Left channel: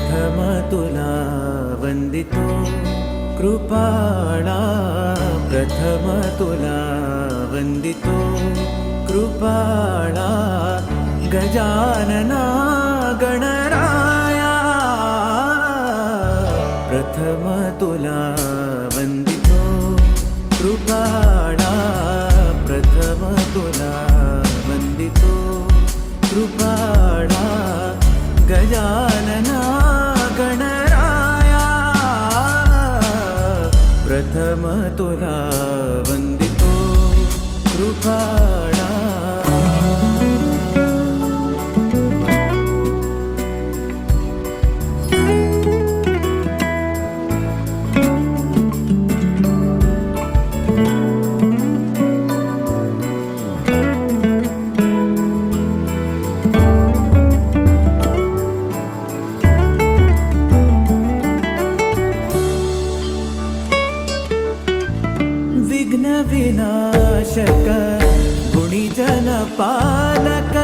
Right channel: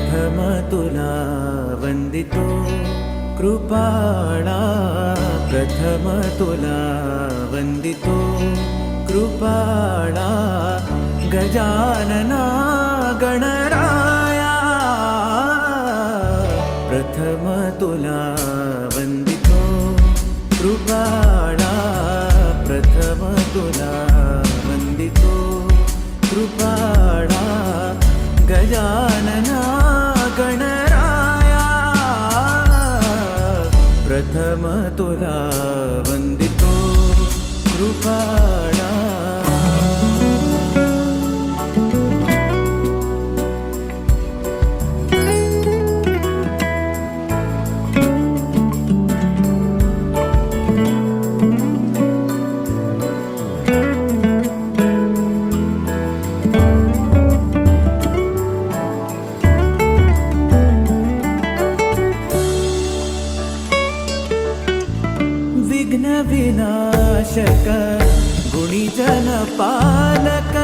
प्रथम तुला वंदितो कृपाळा, प्रथम तुला वंदितो कृपाळा, गजानना गणराया, प्रथम तुला वंदितो कृपाळा, प्रथम तुला वंदितो कृपाळा, गजानना गणराया, प्रथम तुला वंदितो कृपाळा. विघ्न विनाशक गुणीजन पालक,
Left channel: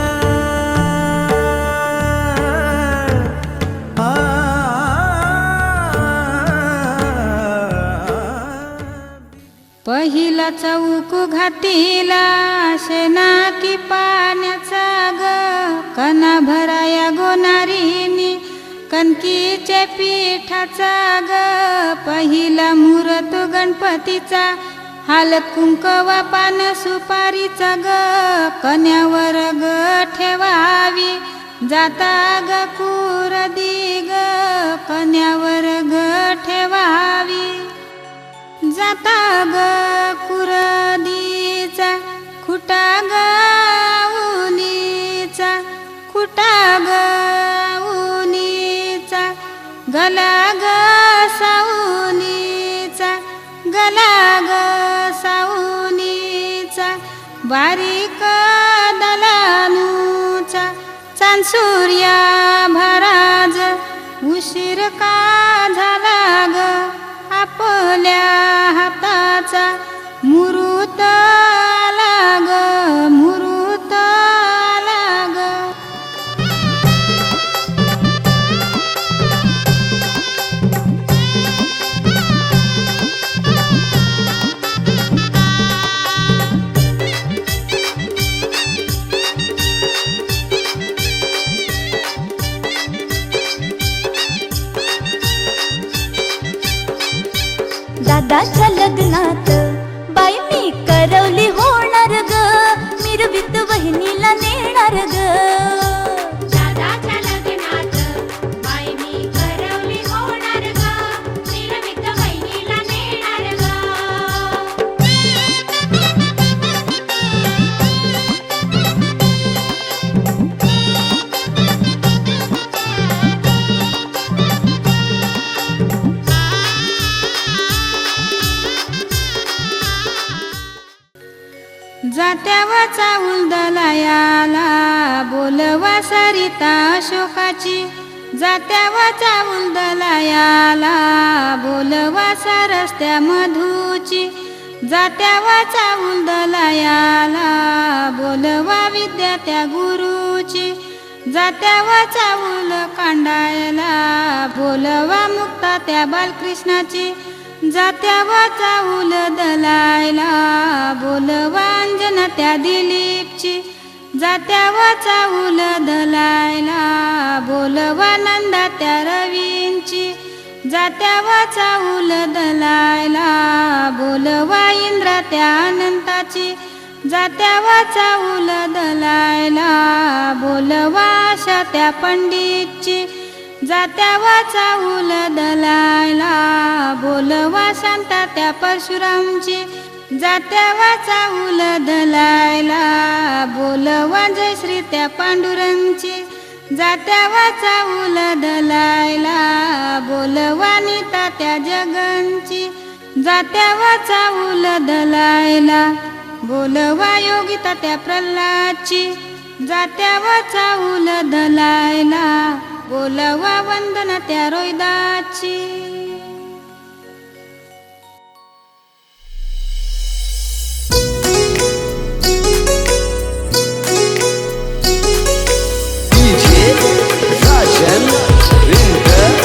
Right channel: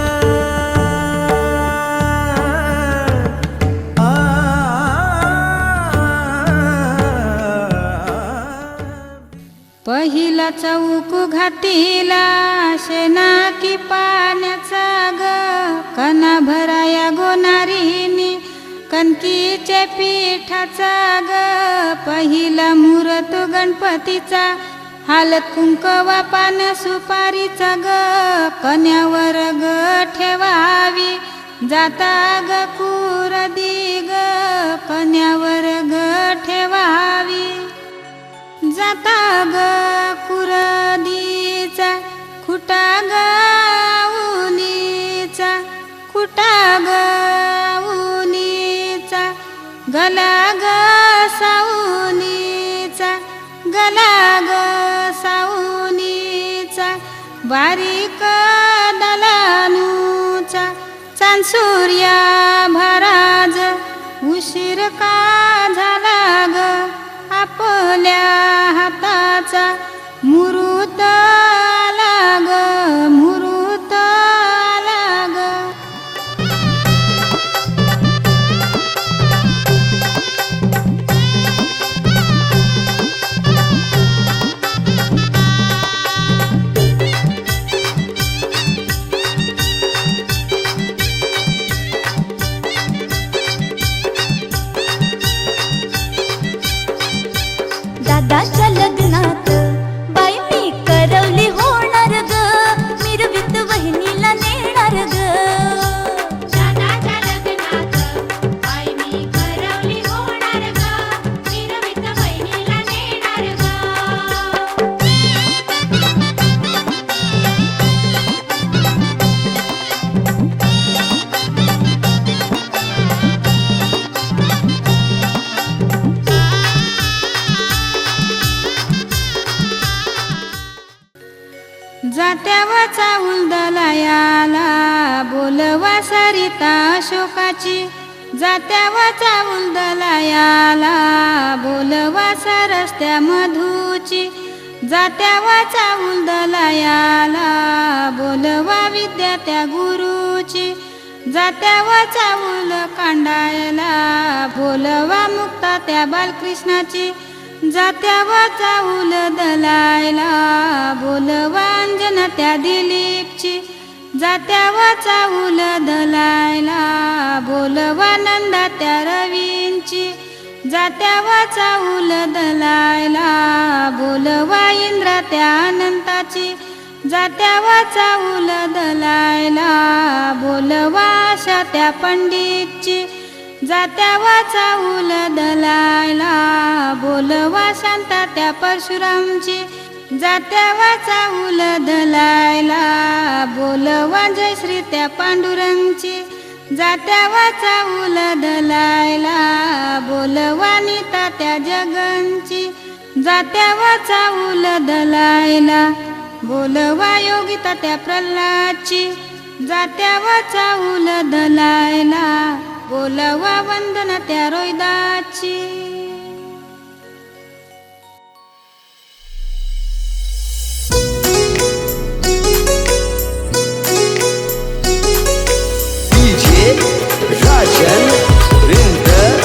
पहिला चौक घातीला शेना की पाण्याचा ग, कना भराया गोनारीनी कणकीचे पिठाचा ग, पहिला मुहूर्त गणपतीचा हालत कुंकवा पान सुपारीचा ग, कन्यावर ग ठेवावी जाता ग कुरदी ग, कन्यावर ग ठेवावी जाता ग कुरदीचा, खुटा ग उनीचा, खुटा ग उनीचा, गला ग साऊनीचा, गला ग साऊनीचा, बारीक दलानूचा, चांदसूर्या भराज उशीर का झाला ग, आपल्या हाताचा मुहूर्त आला ग, मुहूर्त आला ग. दादाच्या लग्नात बाई मी करवली होणार ग, मिरवीत बहिणीला नेणार ग. दादाच्या लग्नात बाई मी करवली होणार ग, मिरवीत बहिणीला नेणार ग. जात्यावा चाऊल दलायाला बोलवा सरिता अशोकाची, जात्यावा चाऊल दलायाला बोलवा सरस्त्या मधूची, जात्यावा चाऊल दलायाला बोलवा विद्या त्या गुरुची, जात्यावा चाऊल कांडायला बोलवा मुक्ता त्या बालकृष्णाची, जात्यावा चाऊल दलायला बोलवा अंजना त्या दिलीपची, जात्यावा चाऊल दलायला बोलवा नंदा त्या रवींची, जात्यावा चाऊल दलायला बोलवा इंद्रा त्या अनंताची, जात्यावा चाऊल दलायला बोलवा आशा त्या पंडितची, जात्यावा चाऊल दलायला बोलवा शांता त्या परशुरामची, जात्यावा चाऊल दलायला बोलवा जयश्री त्या पांडुरंगची, जात्यावा चाऊल दलायला बोलवा नीता त्या जगनची, जात्यावा चाऊल दलायला बोलवा योगिता त्या प्रल्हादची, जात्यावा चाऊल दलायला बोलवा वंदना त्या रोहिदाची. DJ Rajan Indra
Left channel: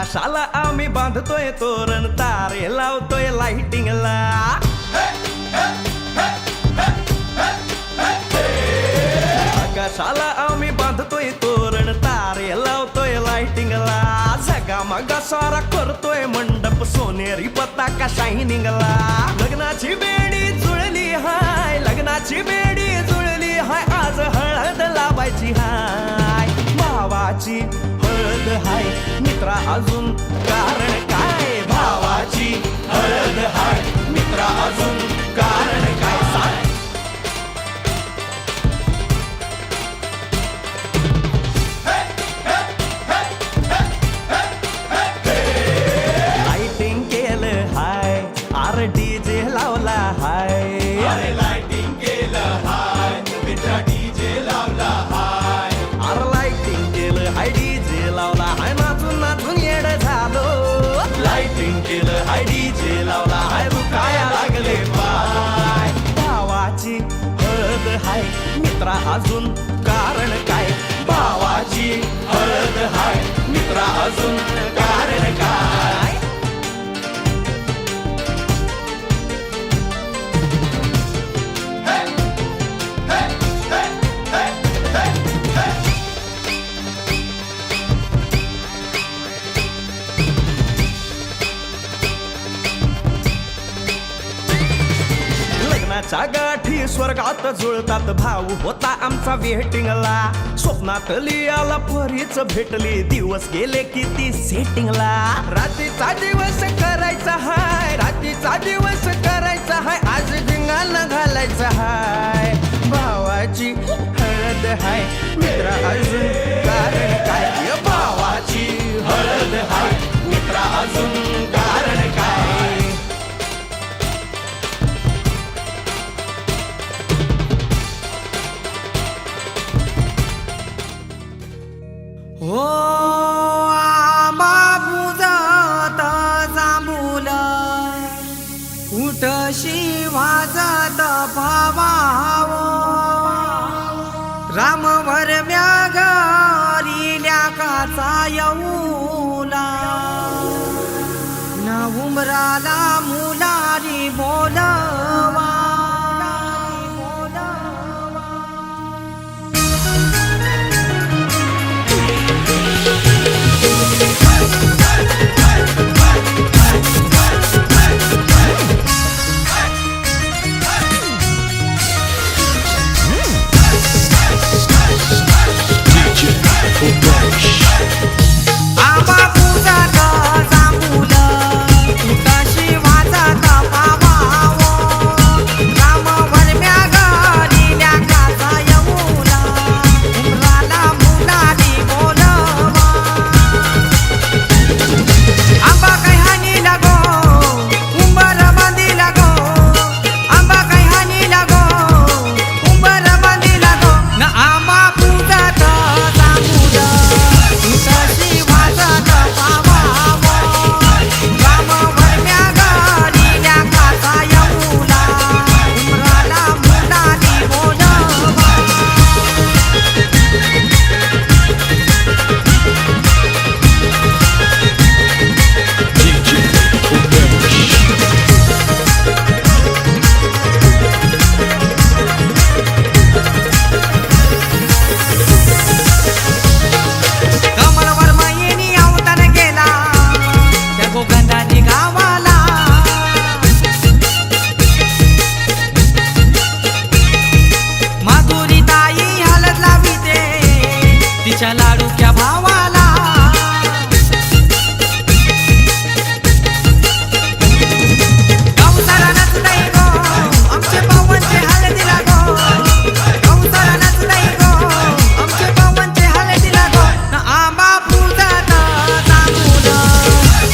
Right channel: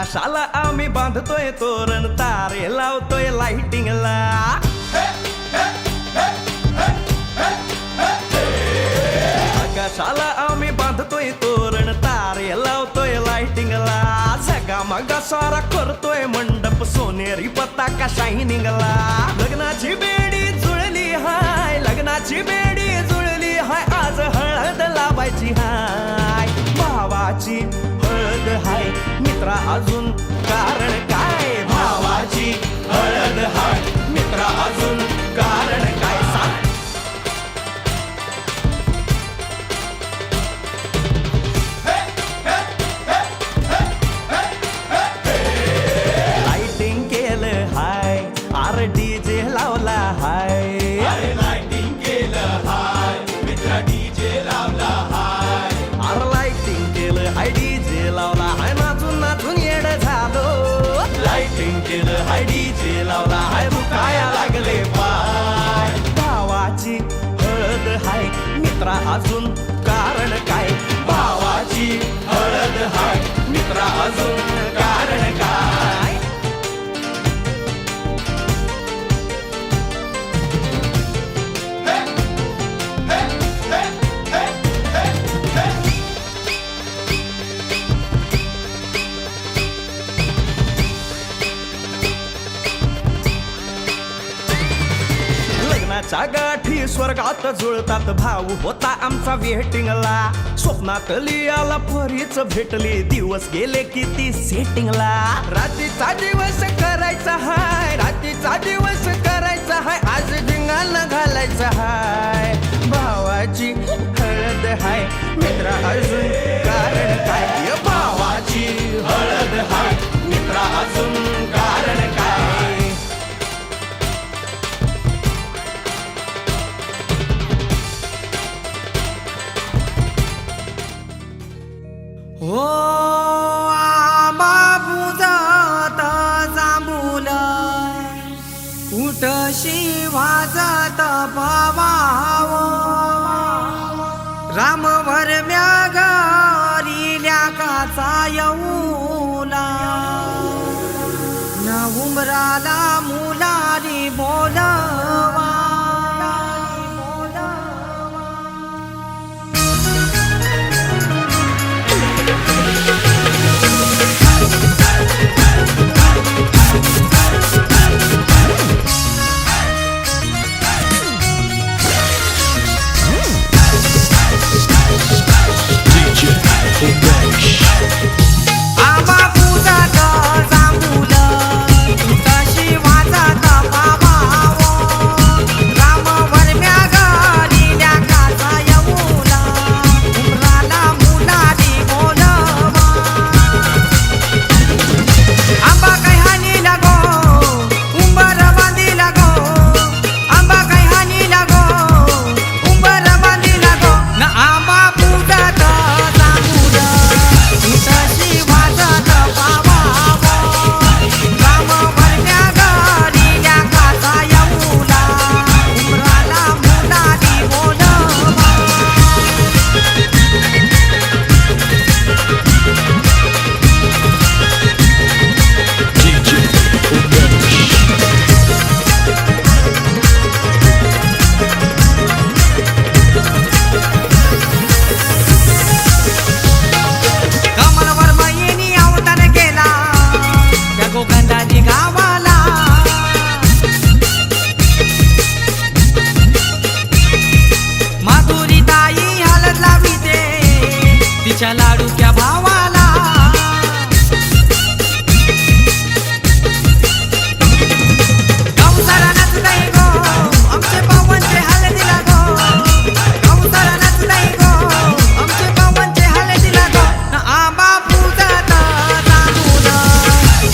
आकाशाला आम्ही बांधतोय तोरण तारे लावतोय लाइटिंगला आकाशाला आम्ही बांधतोय तोरण तारे लावतोय लाइटिंगला झगामगा सारा करतोय मंडप सोनेरी पताका शायनिंगला लग्नाची बेडी जुळली हाय लग्नाची बेडी जुळली हाय आज हळद लावायची हाय भावाची हळद हाय मित्रा अजून कारण काय भावाची हळद हाय मित्रा अजून कारण काय सांग लाइटिंग केलं हाय आर डीजे लावला हाय लाइटिंग केलं हाय मित्रा डीजे लावला हाय आर लाइटिंग केलं हाय डीजे लावला हाय नाचून नाचून येड झालो लाइटिंग केलं हाय डीजे लावला हाय दुखाया लागले पाय भावाची हळद हाय मित्रा अजून कारण काय भावाची हळद हाय मित्रा अजून कारण काय लग्नाच्या गाठी स्वर्गात जुळतात भाऊ होता आमचा वेटिंगला स्वप्नात लियाला परीच भेटली दिवस गेले किती सेटिंगला रात्रीचा दिवस करायचा हाय रात्रीचा दिवस करायचा हाय आज धिंगाणा घालायचा हाय भावाची हळद हाय मित्रा अजून कारण काय भावाची हळद हाय मित्रा अजून कारण काय हो आंबा बुजत जांभूल उठशी वाजत भावाव रामवर म्यागरिल्या काचा येऊला न उमराला मुलारी बोलवा आंबा पूजात जांभूल उठशी वाजत भावाव रामवर म्यागरिल्या काचा येऊला उमराला मुलारी बोलवा आंबा काय हानी लागो उंबर बांधी लागो आंबा काय हानी लागो उंबर बांधी लागो न आंबा पूजात जांभूल उठशी वाजत भावाव रामवर म्यागरिल्या काचा येऊला उमराला मुलारी बोलवा कमलवर मयेनी अवतार केला त्या गोगंधारी गावाला माधुरी ताई हलत लाविते तिच्या लाडूक्या भावाला गौसारा नाचताई गो आमचे पावनचे हळदीला गो गौसारा नाचताई गो आमचे पावनचे हळदीला गो न आंबा पूजात जांभूल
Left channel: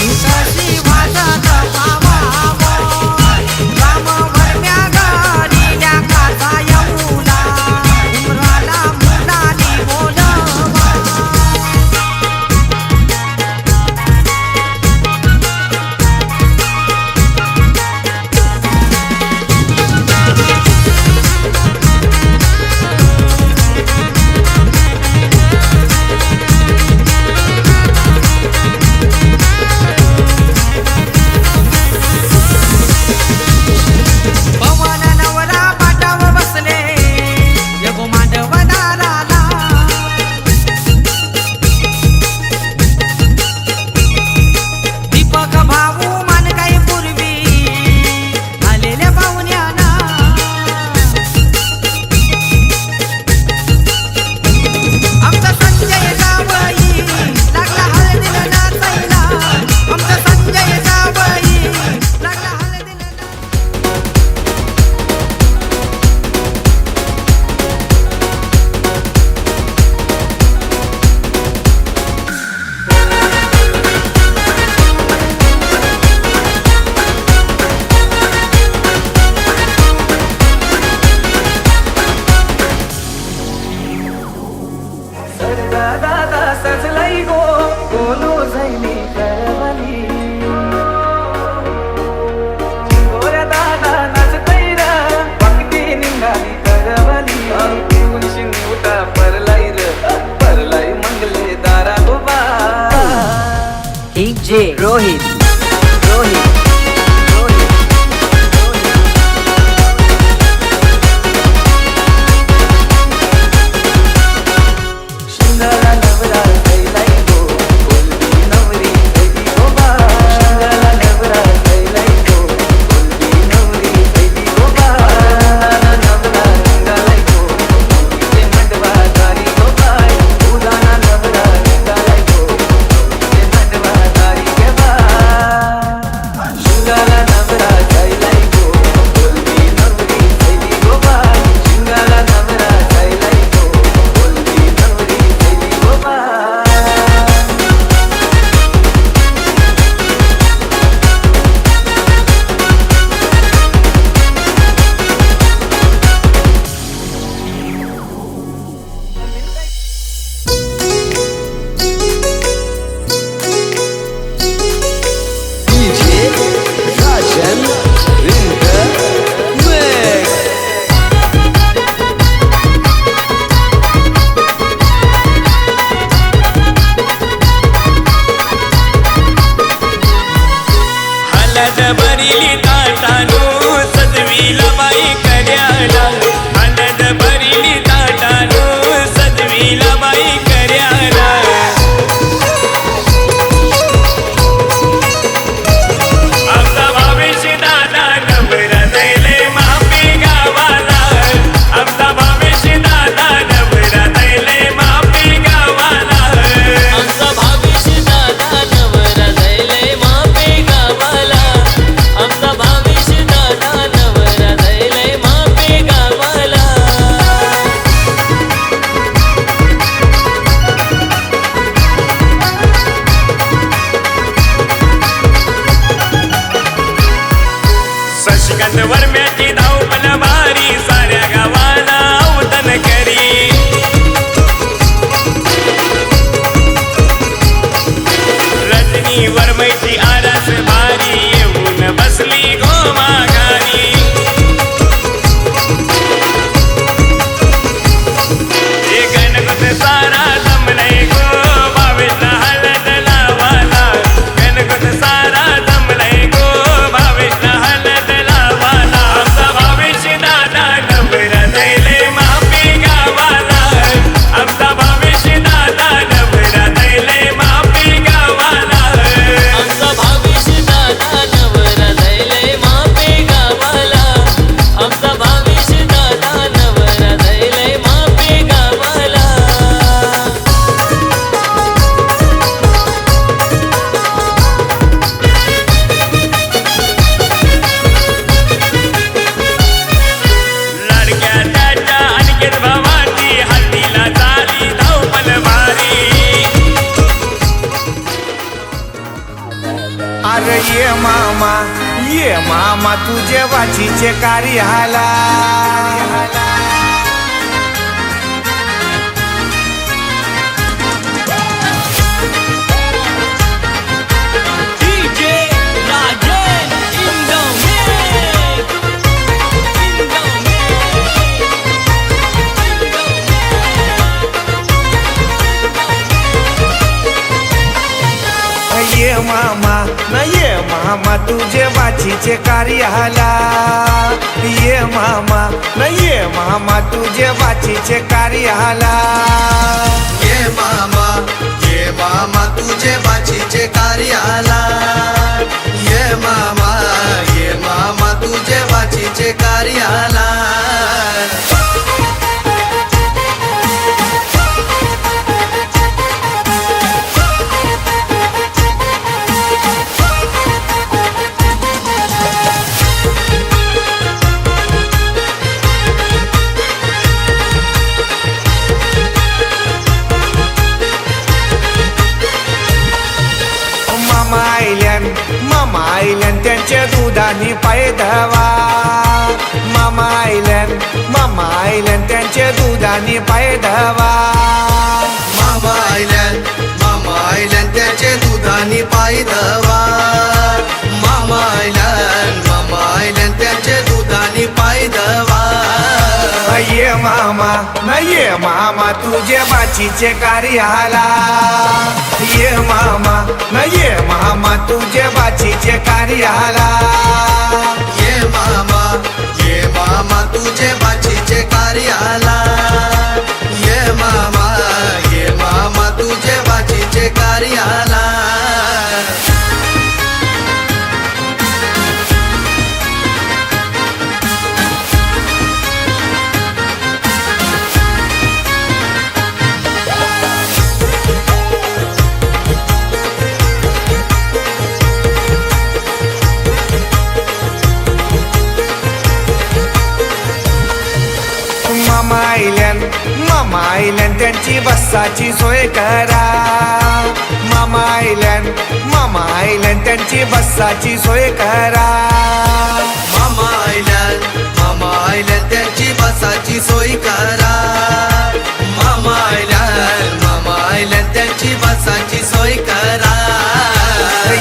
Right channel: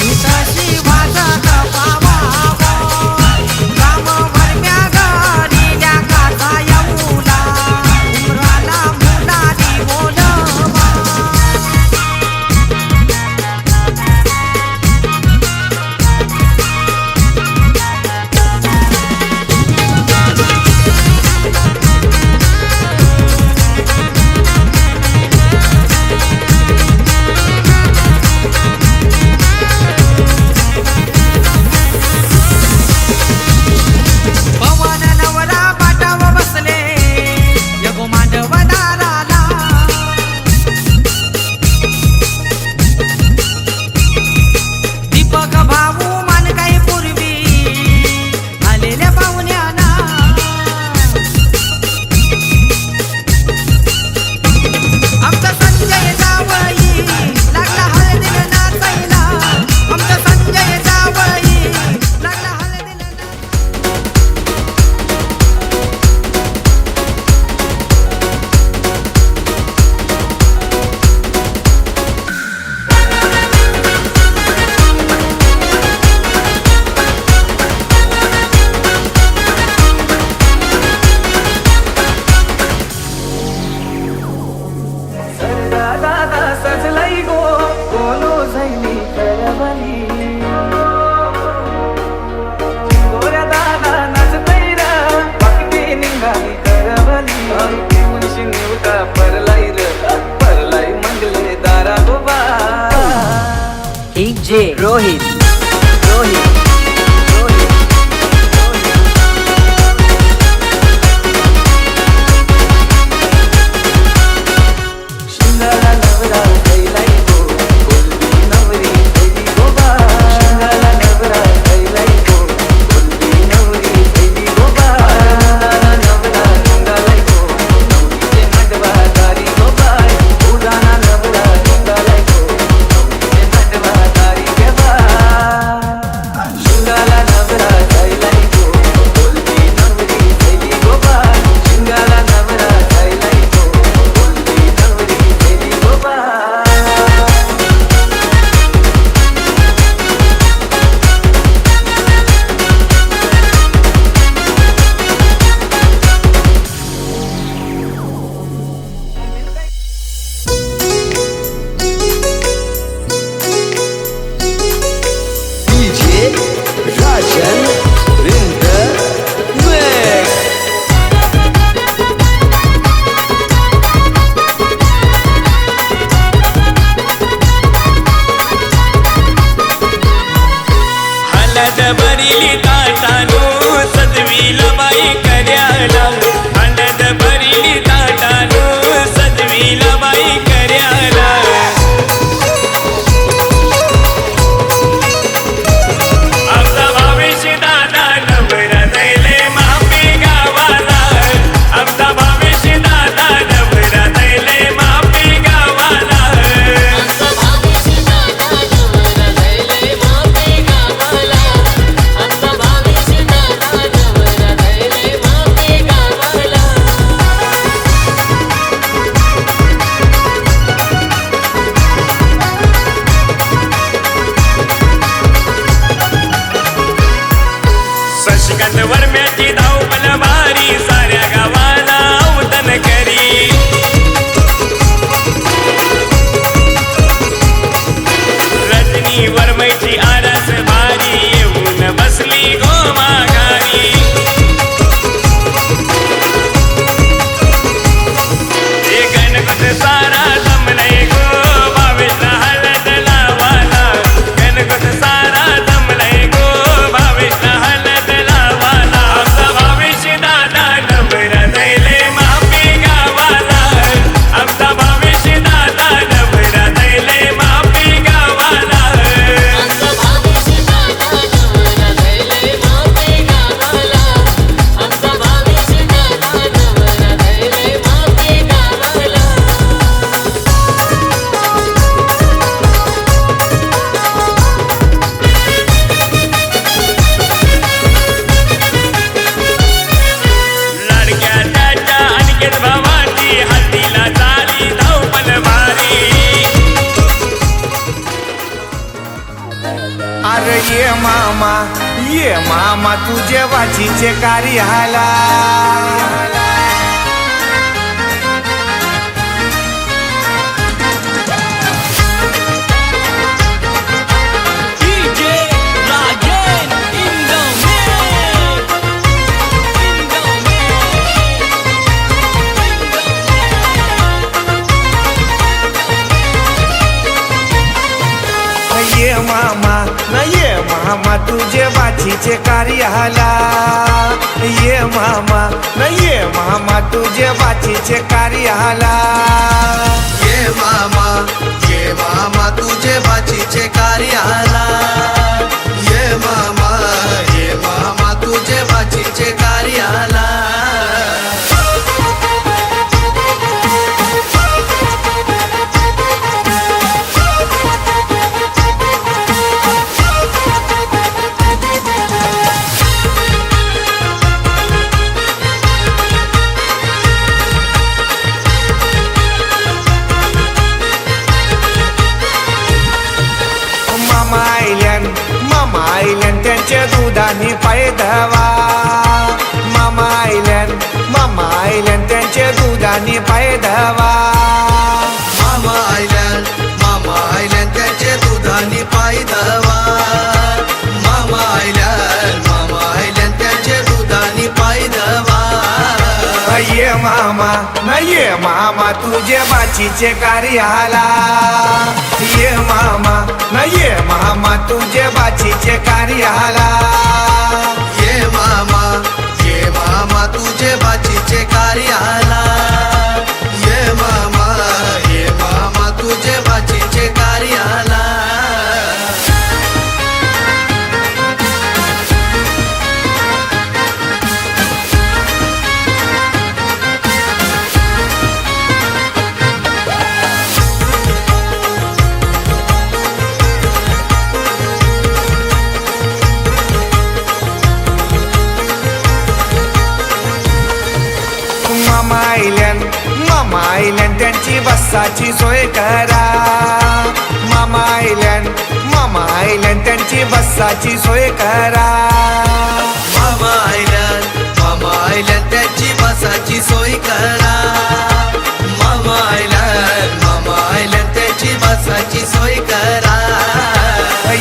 उठशी वाजत भावाव रामवर म्यागरिल्या काचा येऊला उमराला मुलारी बोलवा सरदा दादा सजलाई गो कोलो झैली करवली गोऱ्या दादा नाचतै र भक्ती निघाली करवली पिऊन शिंगुटा परलाई र परलाई मंगले दारा गोबा DJ Rohit शिंगाला नवरा कैलाई गो कोलबी नवरी कैली गोबा शिंगाला नवरा कैलाई गो कोलबी नवरी कैली गोबा नवरा रंगालाई गो नवरीचे मांडवा दारी गोबा उदाना नवरा रंगालाई गो नवरीचे मांडवा दारी गोबा शिंगाला नवरा कैलाई गो कोलबी नवरी कैली गोबा शिंगाला नवरा कैलाई गो कोलबी नवरी कैली गोबा हलद भरिली ताटानो सजवीला बाई कर्याला हलद भरिली ताटानो सजवीला बाई कर्याला आमचा भावेश दादा नवरा दैले मापी गावाला आमचा भावेश दादा नवरा दैले मापी गावाला आमचा भावेश दादा नवरा दैले मापी गावाला आमचा भावेश दादा नवरा दैले मापी गावाला शशिकांत वर्म्याची धावपल भारी साऱ्या गावाला अवतन करी रजनी वर्मैची आरास भारी येऊन बसली गो माघारी हे गणपत सारा जमलय गो भावेशला हळद लावाला गणपत सारा जमलय गो भावेशला हळद लावाला आमचा भावेश दादा नवरा दैले मापी गावाला आमचा भावेश दादा नवरा दैले मापी गावाला आमचा भावेश दादा नवरा दैले मापी गावाला आमचा भावेश दादा नवरा दैले मापी गावाला लाडक्या त्याच्या अनिकेत भावाची हल्दीला झाली धावपल भारी अरे ये मामा तुझे वाचीचे कार्य हाला DJ Rajan in the mix ये मामा तुझे वाचीचे कार्य हाला ये मामा तुझे वाचीचे कार्य हाला ये मामा तुझे वाचीचे कार्य आला ये मामा तुझे वाचीचे कार्य आला मामा आईल्यान त्यांच्या दुधाने पाय धवा मामा आईल्यान त्यांच्या दुधाने पाय धवा ये मामा न ये मामा तुझे बाचीचे कार्याला ये मामा न ये मामा तुझे बाचीचे कार्याला ये मामा तुझे बाचीचे कार्याला ये मामा तुझे बाचीचे कार्याला मामा आईल्यान त्यांची बसाची सोय करा मामा आईल्यान त्यांची बसाची सोय करा मामा आईल्यान त्यांची बसाची सोय करा मामा आईल्यान त्यांची बसाची सोय करा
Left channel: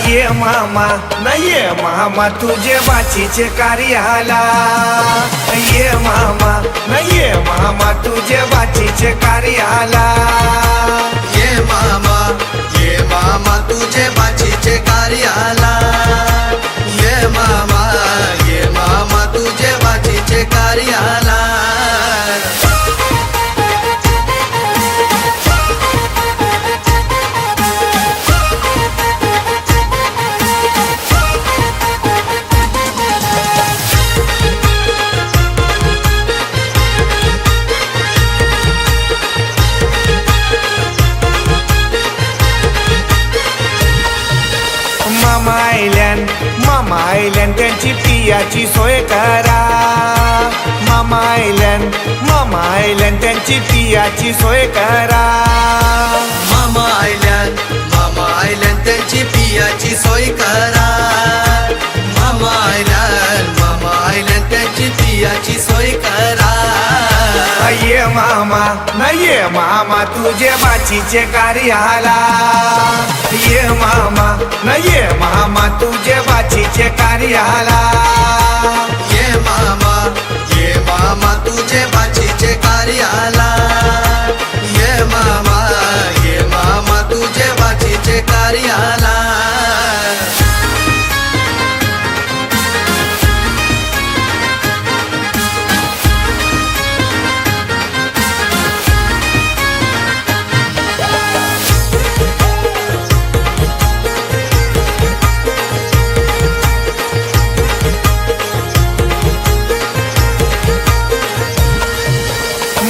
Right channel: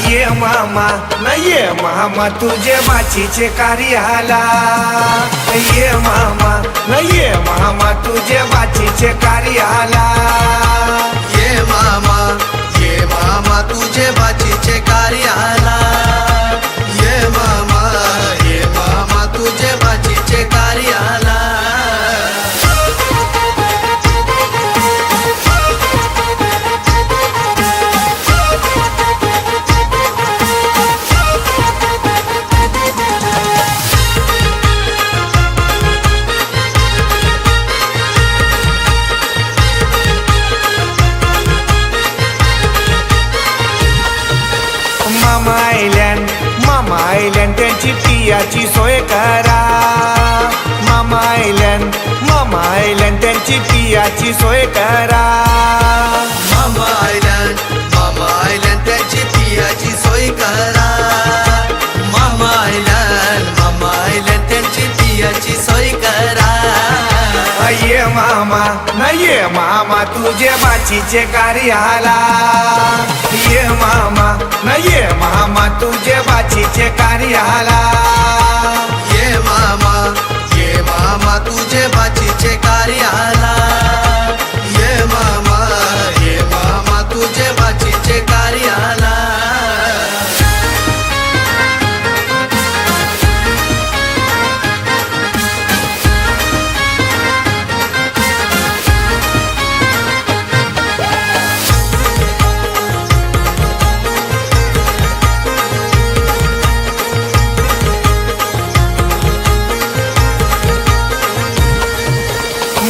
ये मामा न ये मामा तुझे बाचीचे कार्याला ये मामा न ये मामा तुझे बाचीचे कार्याला ये मामा तुझे बाचीचे कार्याला ये मामा तुझे बाचीचे कार्याला मामा आईल्यान त्यांची पियाची सोय करा मामा आईल्यान त्यांची पियाची सोय करा मामा आईल्यान त्यांची पियाची सोय करा मामा आईल्यान त्यांची पियाची सोय करा ये मामा न ये मामा तुझे बाचीचे कार्याला ये मामा न ये मामा तुझे बाचीचे कार्याला ये मामा तुझे बाचीचे कार्याला ये मामा तुझे बाचीचे कार्याला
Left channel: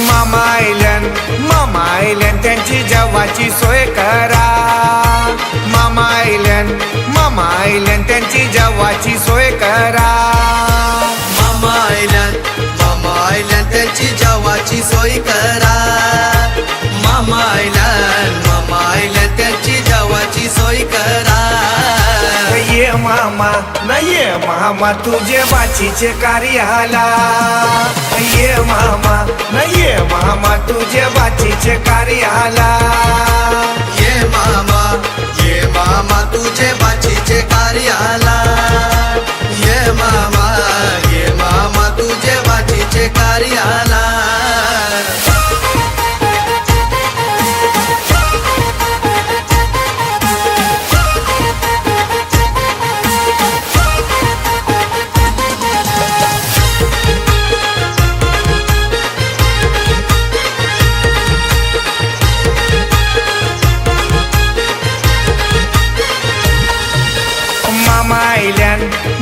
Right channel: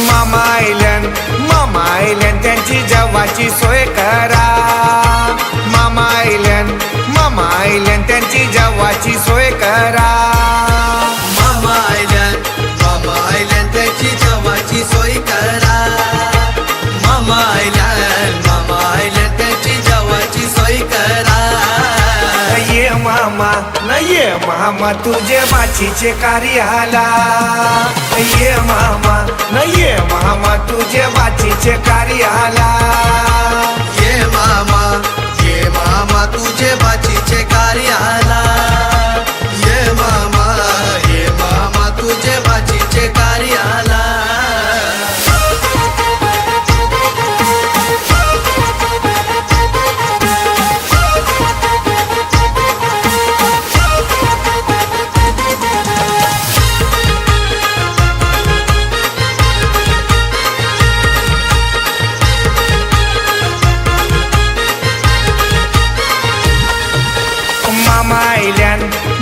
मामा आईल्यान त्यांची जेवाची सोय करा मामा आईल्यान त्यांची जेवाची सोय करा मामा आईल्यान त्यांची जेवाची सोय करा मामा आईल्यान त्यांची जेवाची सोय करा ये मामा न ये मामा तुझे बाचीचे कार्याला ये मामा न ये मामा तुझे बाचीचे कार्याला ये मामा तुझे बाचीचे कार्याला ये मामा तुझे बाचीचे कार्याला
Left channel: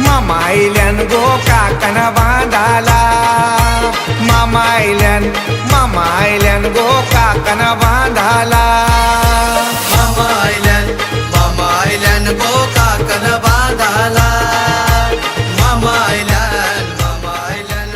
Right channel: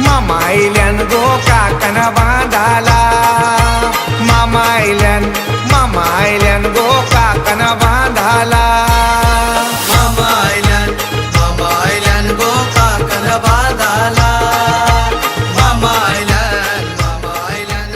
मामा आईल्यान गो काकन बांधाला मामा आईल्यान गो काकन बांधाला मामा आईल्यान गो काकन बांधाला मामा आईल्यान गो काकन बांधाला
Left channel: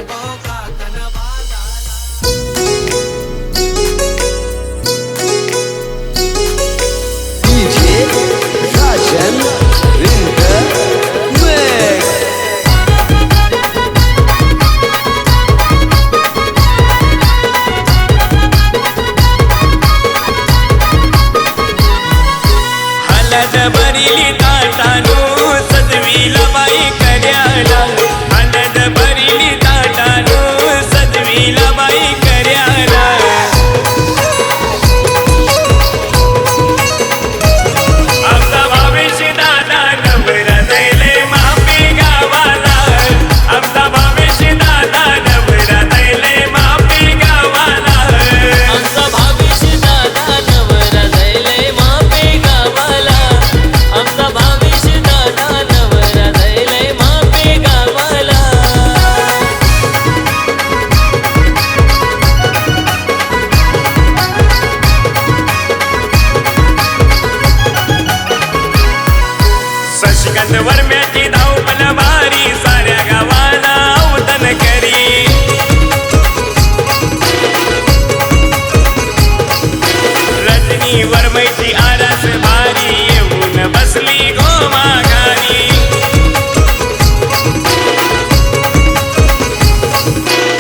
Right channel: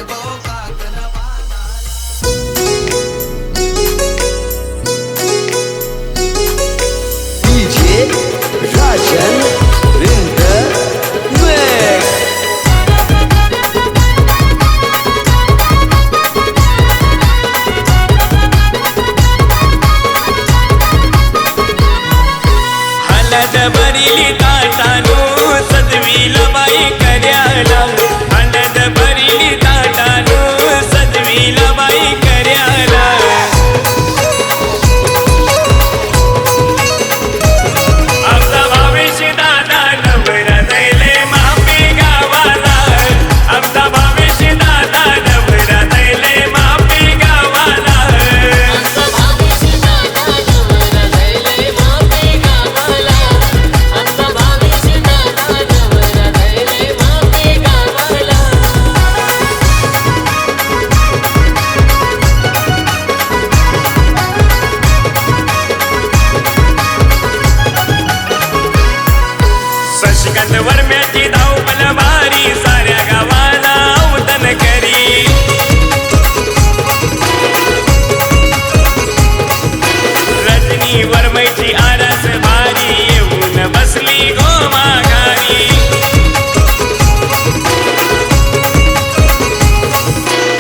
आणि वरमैची आरास भारी येऊन बसली गो माघारी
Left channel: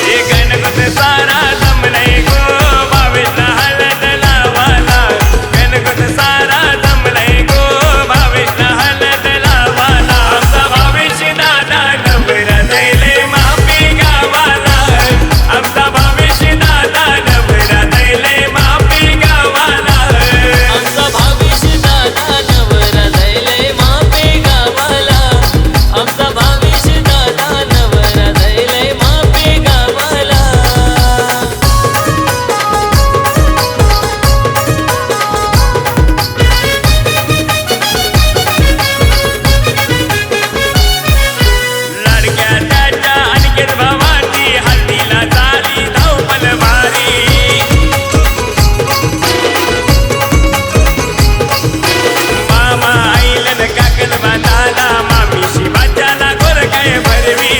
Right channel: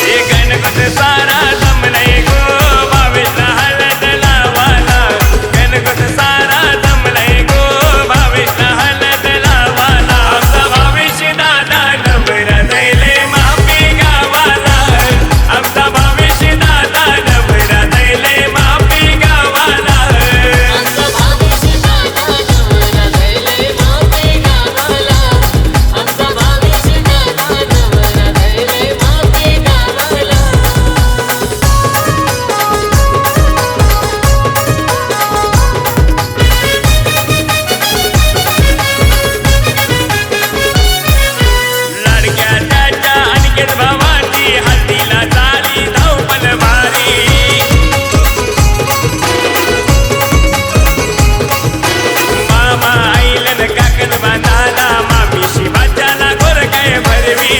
हे गणपत सारा जमलंय गो भावेशला हळद लावाला गणपत सारा जमलंय गो भावेशला हळद लावाला आमचा भावेश दादा नवरा दैले मापी गावाला आमचा भावेश दादा नवरा दैले मापी गावाला आमचा भावेश दादा नवरा दैले मापी गावाला आमचा भावेश दादा नवरा दैले मापी गावाला लाडक्या त्याच्या अनिकेत भावाची हल्दीला झाली धावपल भारी मामा आईलन काकन बांधाला मामीशी बाच्याला गोर काय भरवी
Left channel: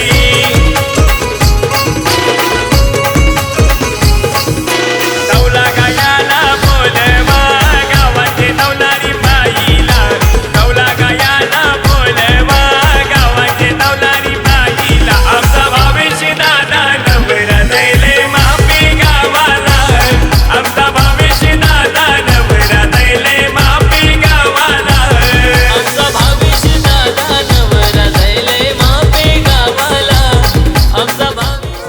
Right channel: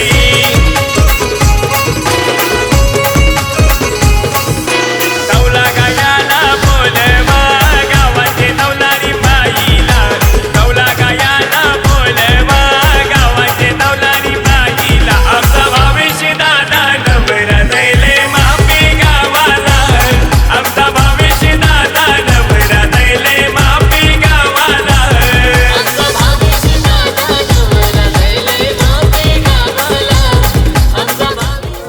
तौला गायाला बोलवा गावाचे तौलारी बाईला तौला गायाला बोलवा गावाचे तौलारी बाईला आमचा भावेश दादा नवरा दैले मापी गावाला आमचा भावेश दादा नवरा दैले मापी गावाला आमचा भावेश दादा नवरा दैले मापी गावाला आमचा भावेश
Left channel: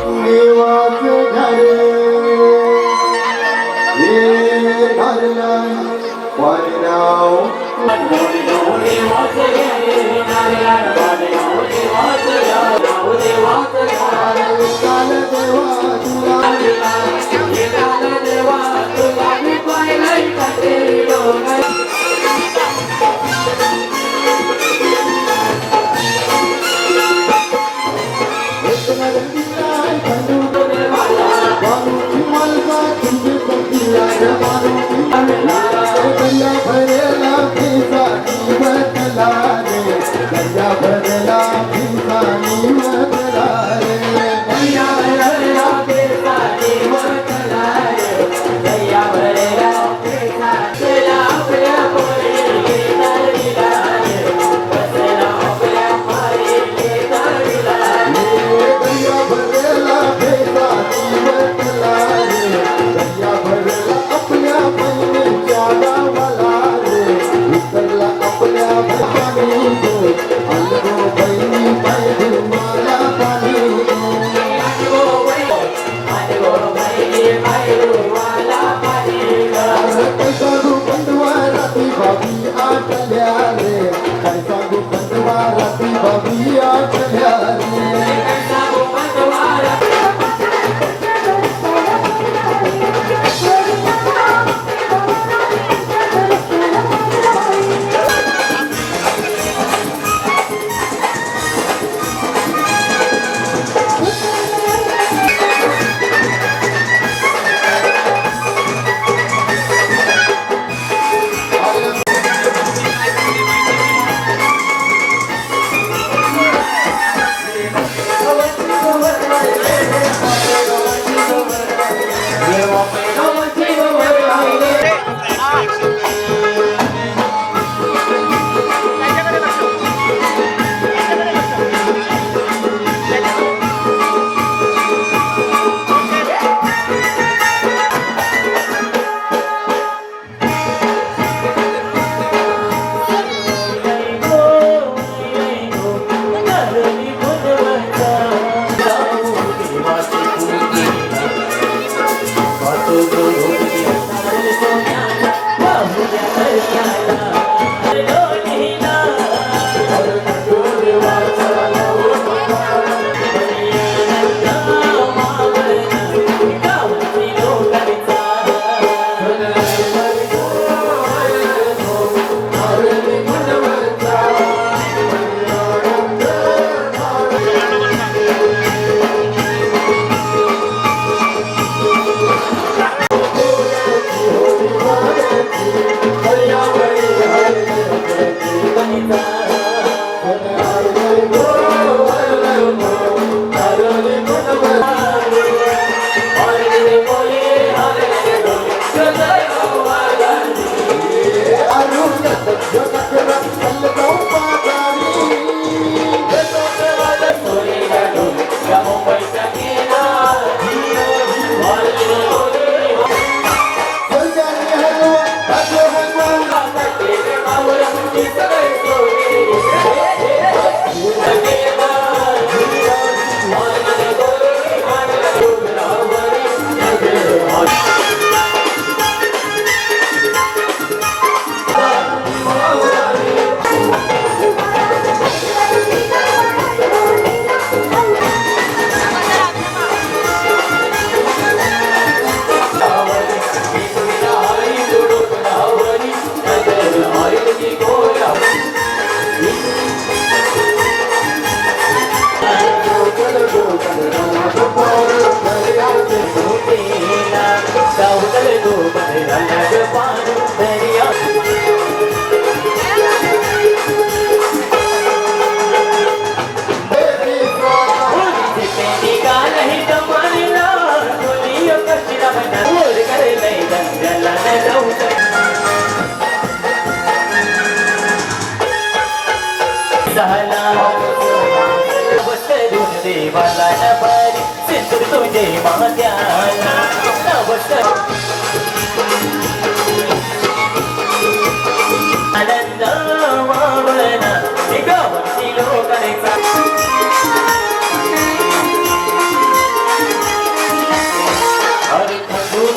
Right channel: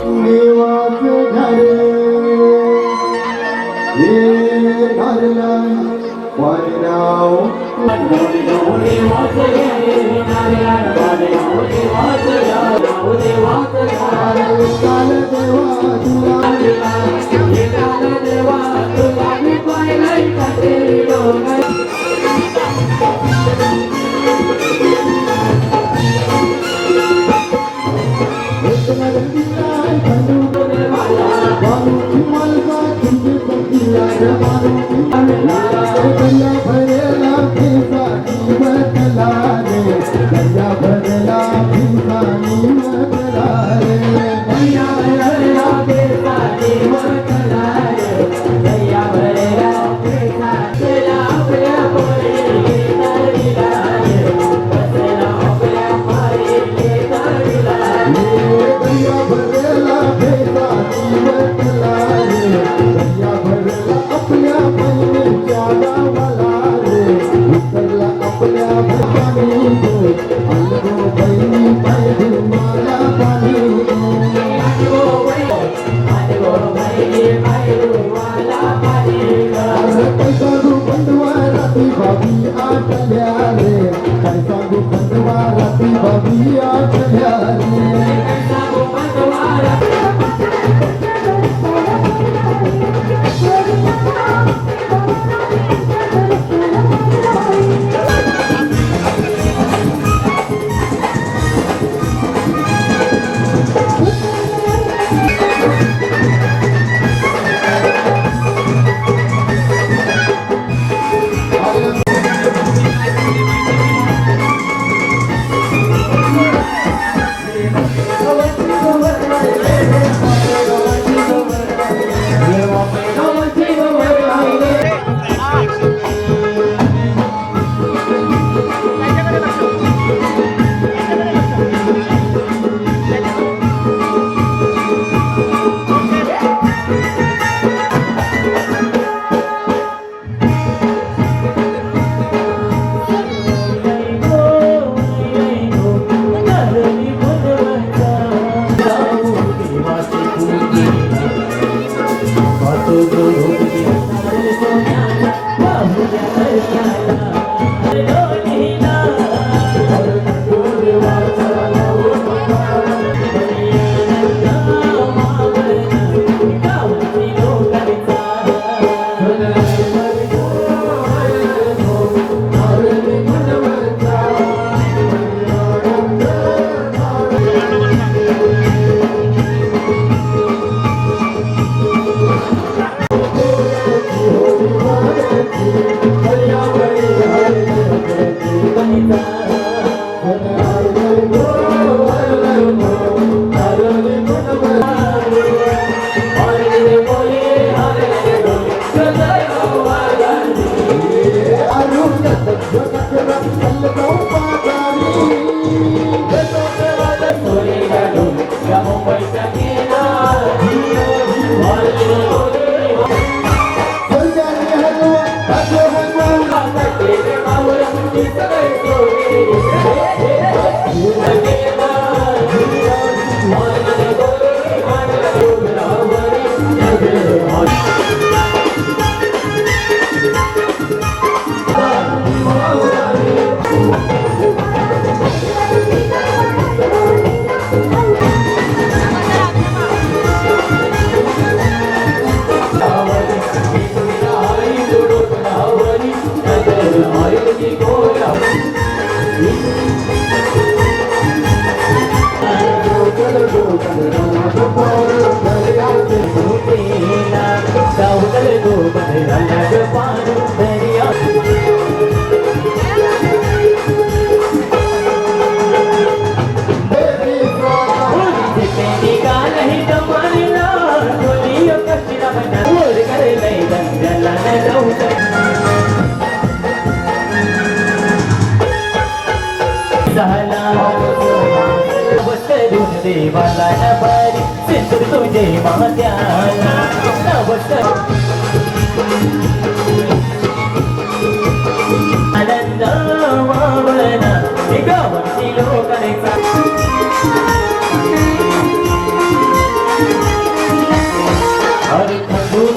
देवाला नबारी सिंदूर तुझे मात्याला आनंद वावना गावाची लोकांचा हरी खंडू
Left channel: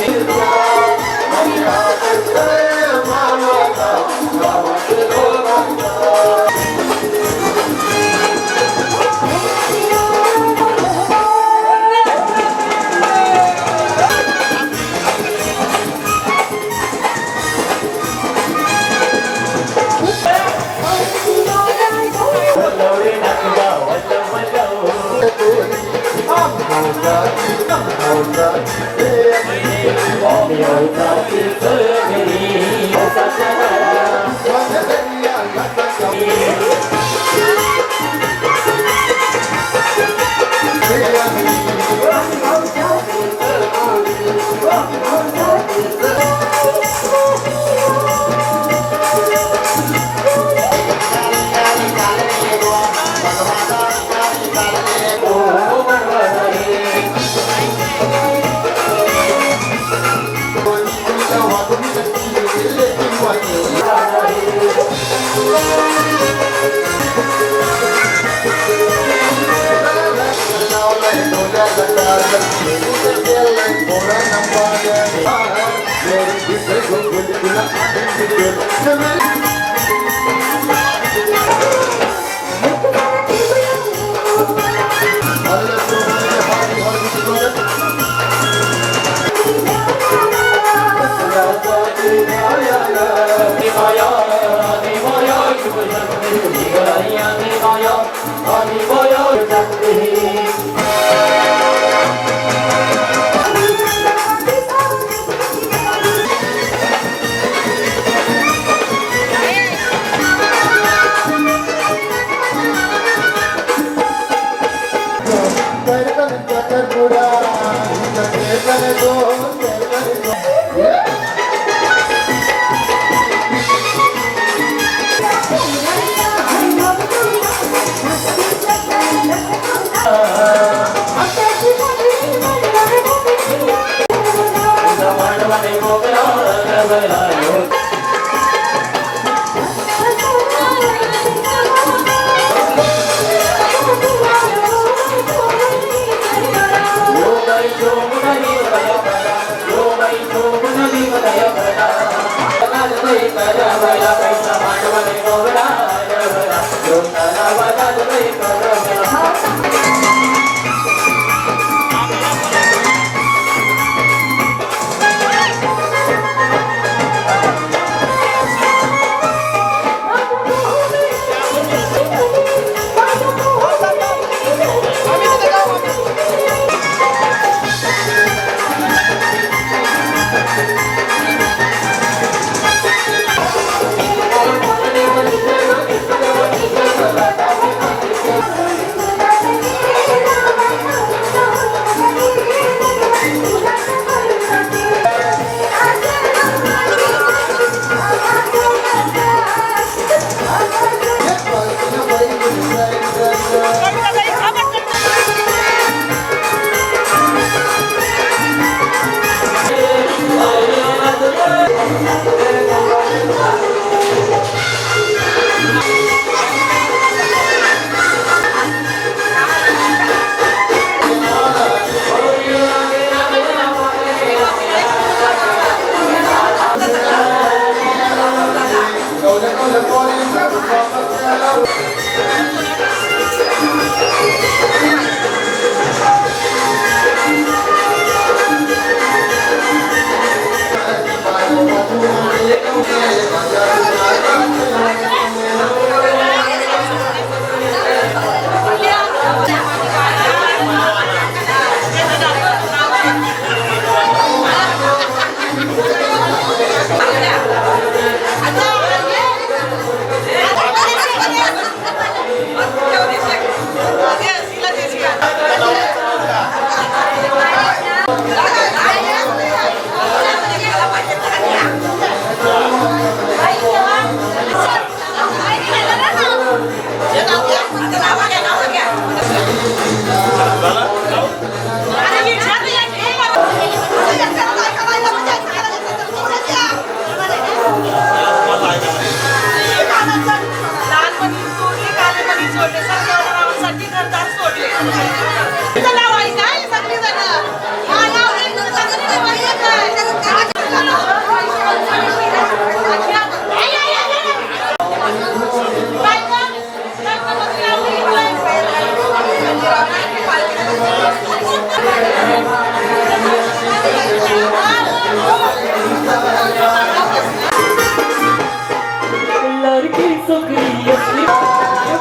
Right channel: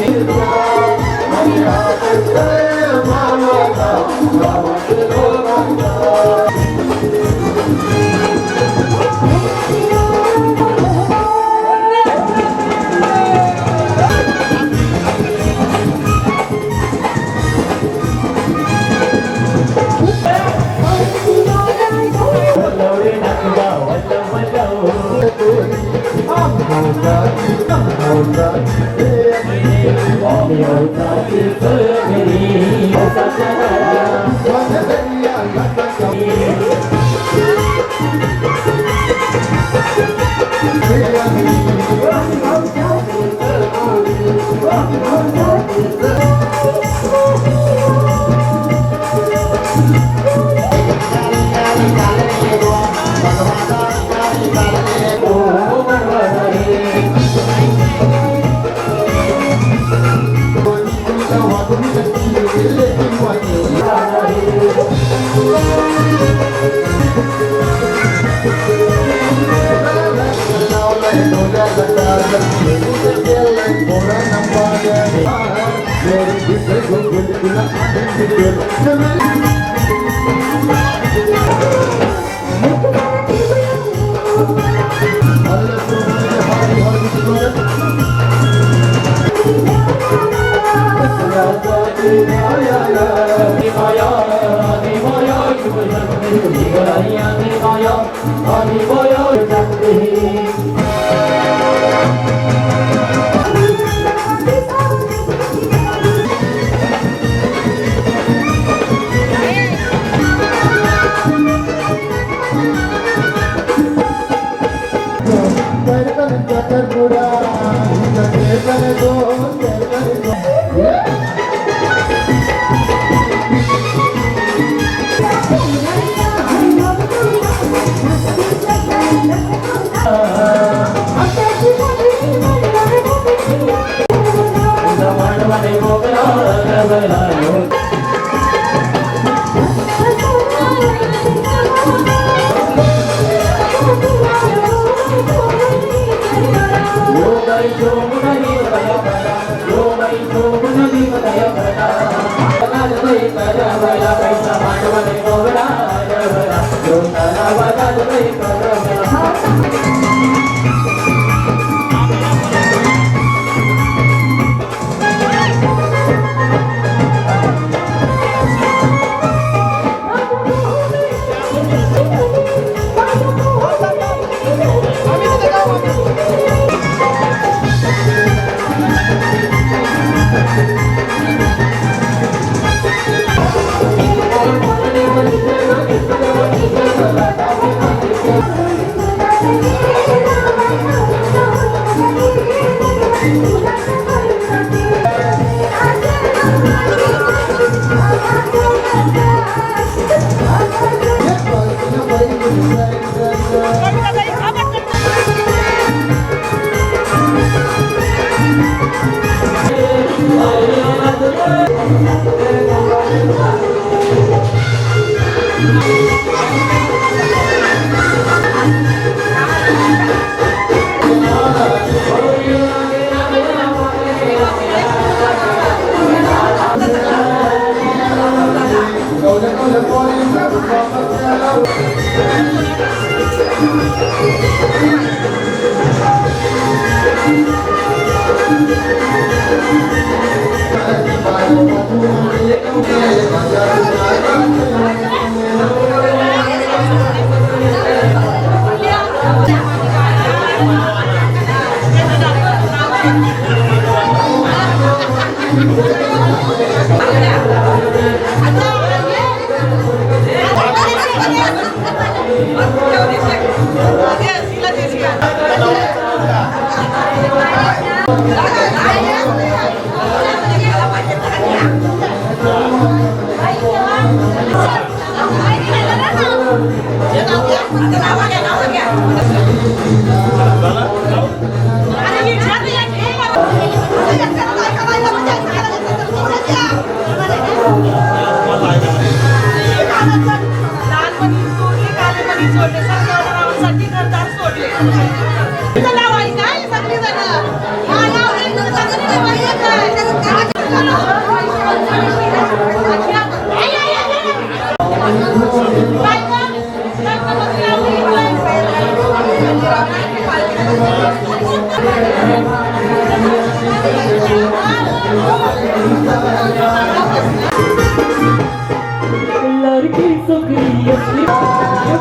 लड़की सुखी असली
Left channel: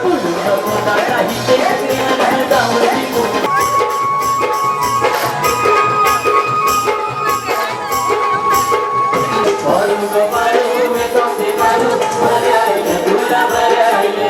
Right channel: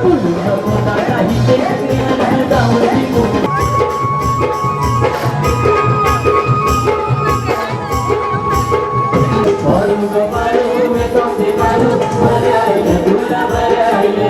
बोलू नको ना काही ते ज्ञान गावाची बोल मारू गो मारू मैं तुमसे मारू मारे आईले तुला मारे आईले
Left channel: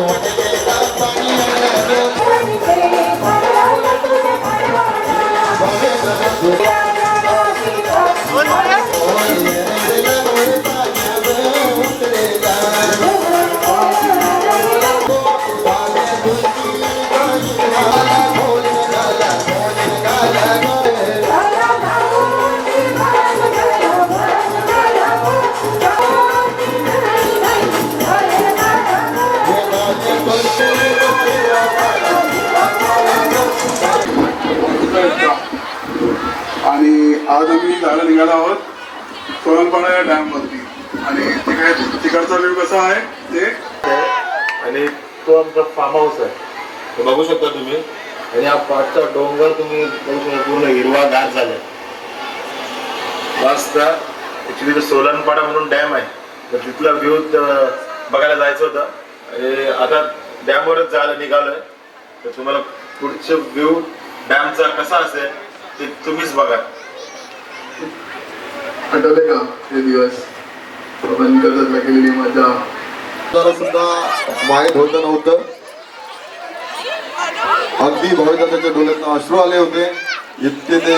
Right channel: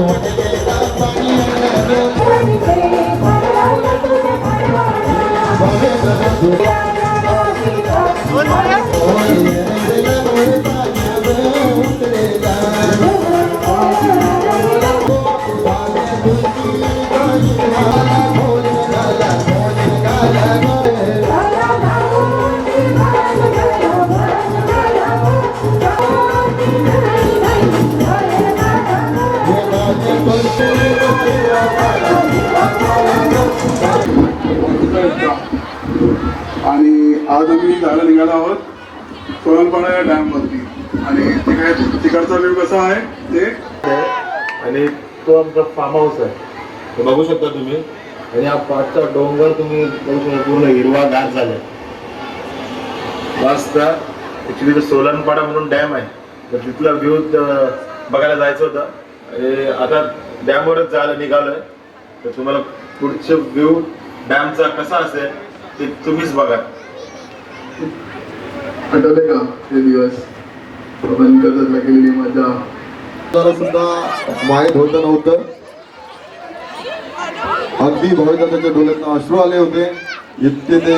Oh, आज आम्ही जायला निघालो आहोत सोलनपाडा या डॅम वरती आणि तिकडचा व्ह्यू कसा आहे ते आणि तो आमचा फार्म हाऊस आहे ते बघू शकता तुम्ही आणि हा पाठचा डोंगर तुम्ही बघू शकता पूर्ण हिरवागार झालाय मस्त. ऍक्च्युली तो सोलनपाडा म्हणून डॅम आहे तर तिथला व्ह्यू बघायला जायचं होतं आणि आता डॅमवरच जायला निघालोय तर तुम्हाला पुढचे व्ह्यू डॅमचा कसा असेल ते तुम्हीच बघा. आठवले का हे दिवस आपण करत केलेली मजा जरा सुद्धा माहीत होतं नव्हतं. अगदी भाविकाच्या डोळ्यात अश्रू आले होते इतके ते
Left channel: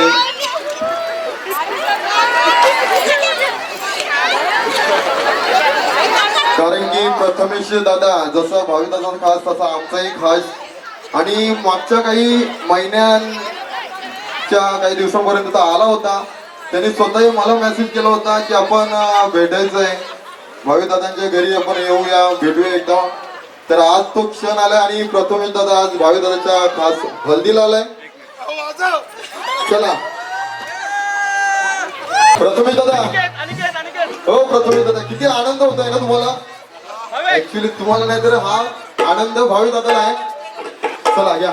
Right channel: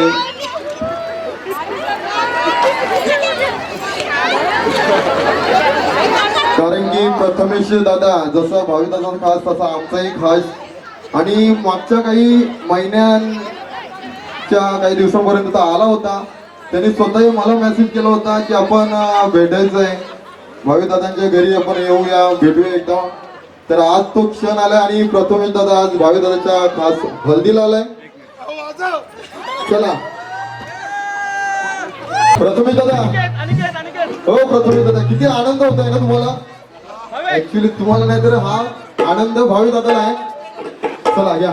कारण की प्रथमेश दादा जसं भाविकाचा खास तसा आमचाही खास आणि मागच्या काही महिन्यांच्या काही दिवसांपर्यंत आला होता. त्यांनी स्वतःही मला मेसेज केला होता की आपण भेटायचं आहे भाविकदादांच्या घरी आपण येऊया भेटूया एकदा. तर आज तो क्षण आलाय आणि प्रथमेश दादा आज भाविकदादाच्या खास हल्दीला आलाय. चला प्रथमेश दादा हो प्रथमेश दादा किती आनंद होत आहे ना तुम्हाला. ऍक्च्युली तुम्हाला नाही तर हा आनंद भाविक दादाला आहे. चला या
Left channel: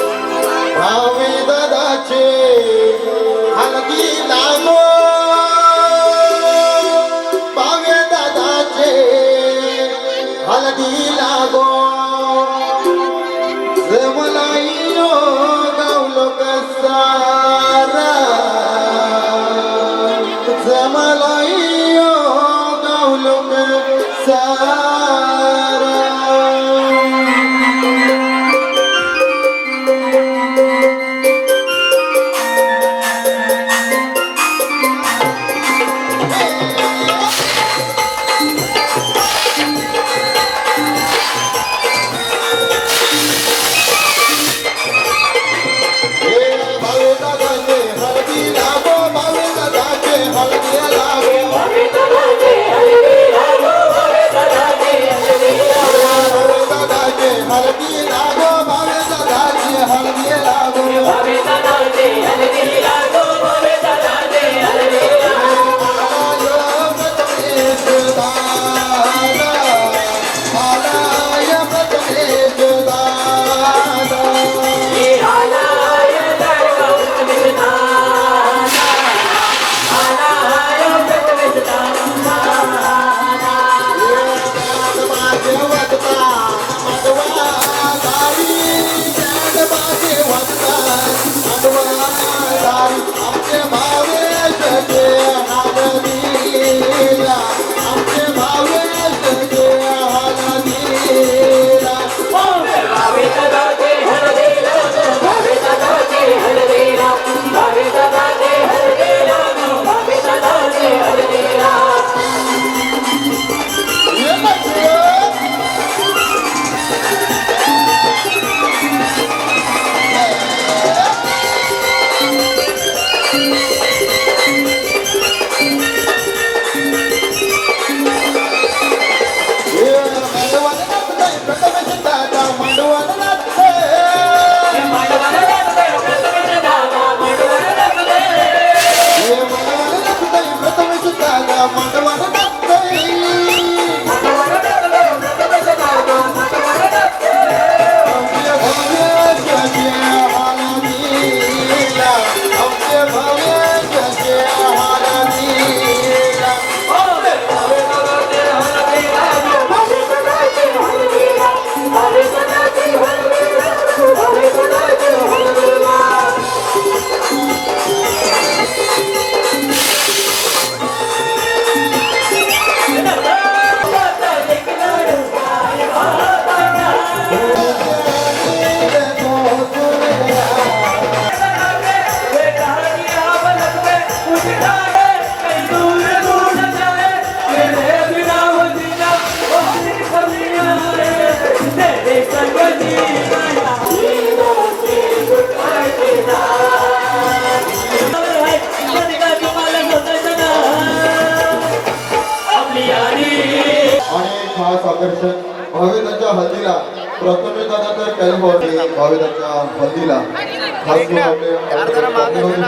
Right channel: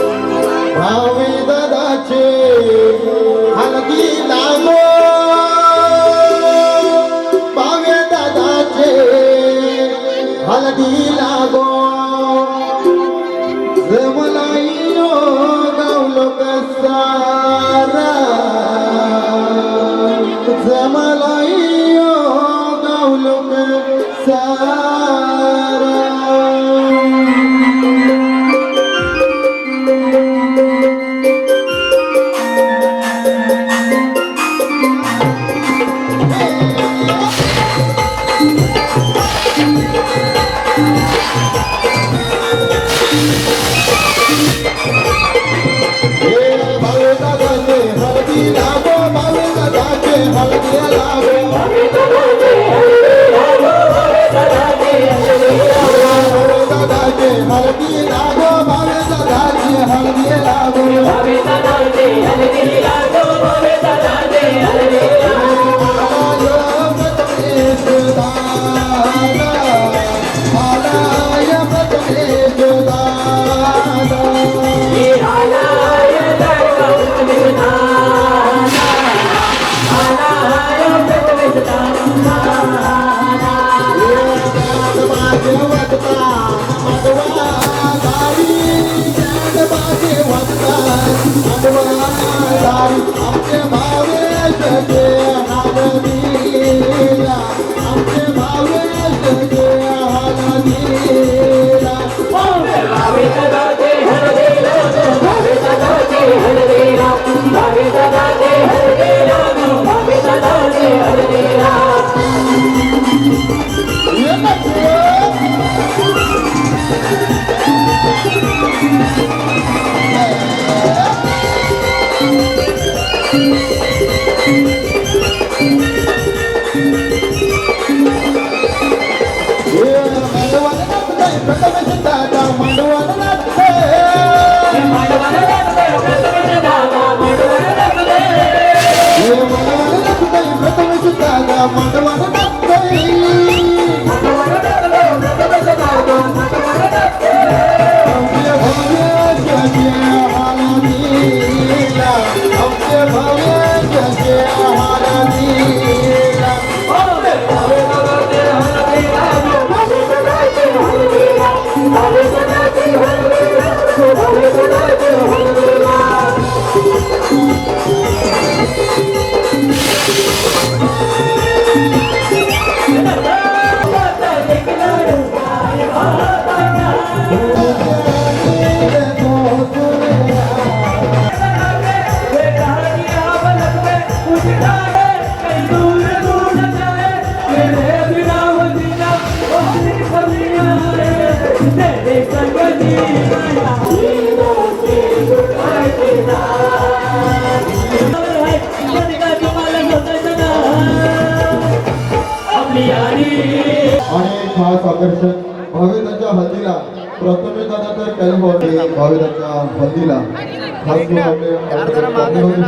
भावी दादाचे हलगी लागो भावे दादाचे हलगी लागो जमलाई गावलो कसारा जमलाई गावलो कसारा Thank you. आकर्षण भाविकांच्या हल्दीला प्रथमेश दादा तर कॅलिफोर्निया भाविकांच्या हल्दीला खास करून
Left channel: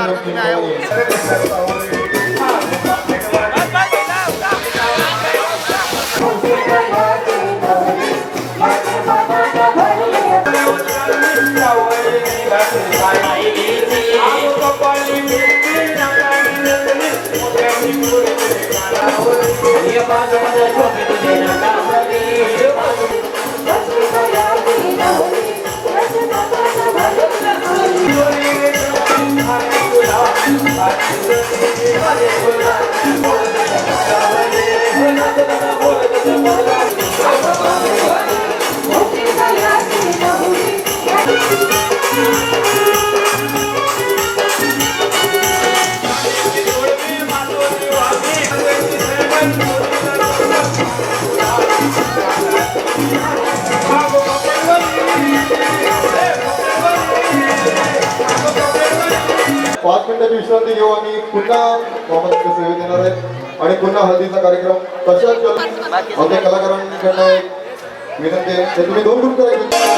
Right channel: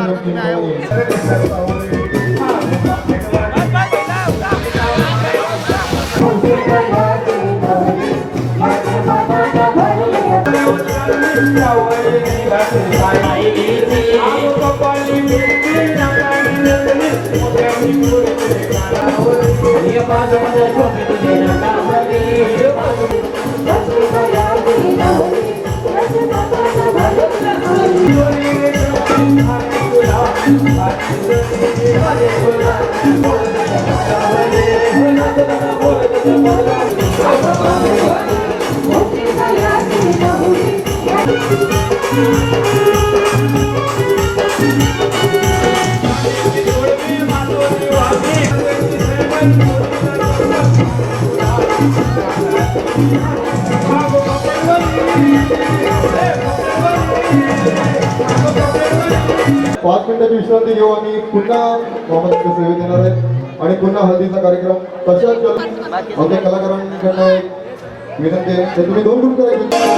पाच मिनिटाची विश्रांती घेऊ आणि पुन्हा मोहम्मदच्या सेवेत येणार आहे आणि पुन्हा हल्दीचा कार्यक्रम तशाच आमच्या कलाकारांकडनं एक विनंती आहे ते तुम्ही 2 ग्रुप करायचे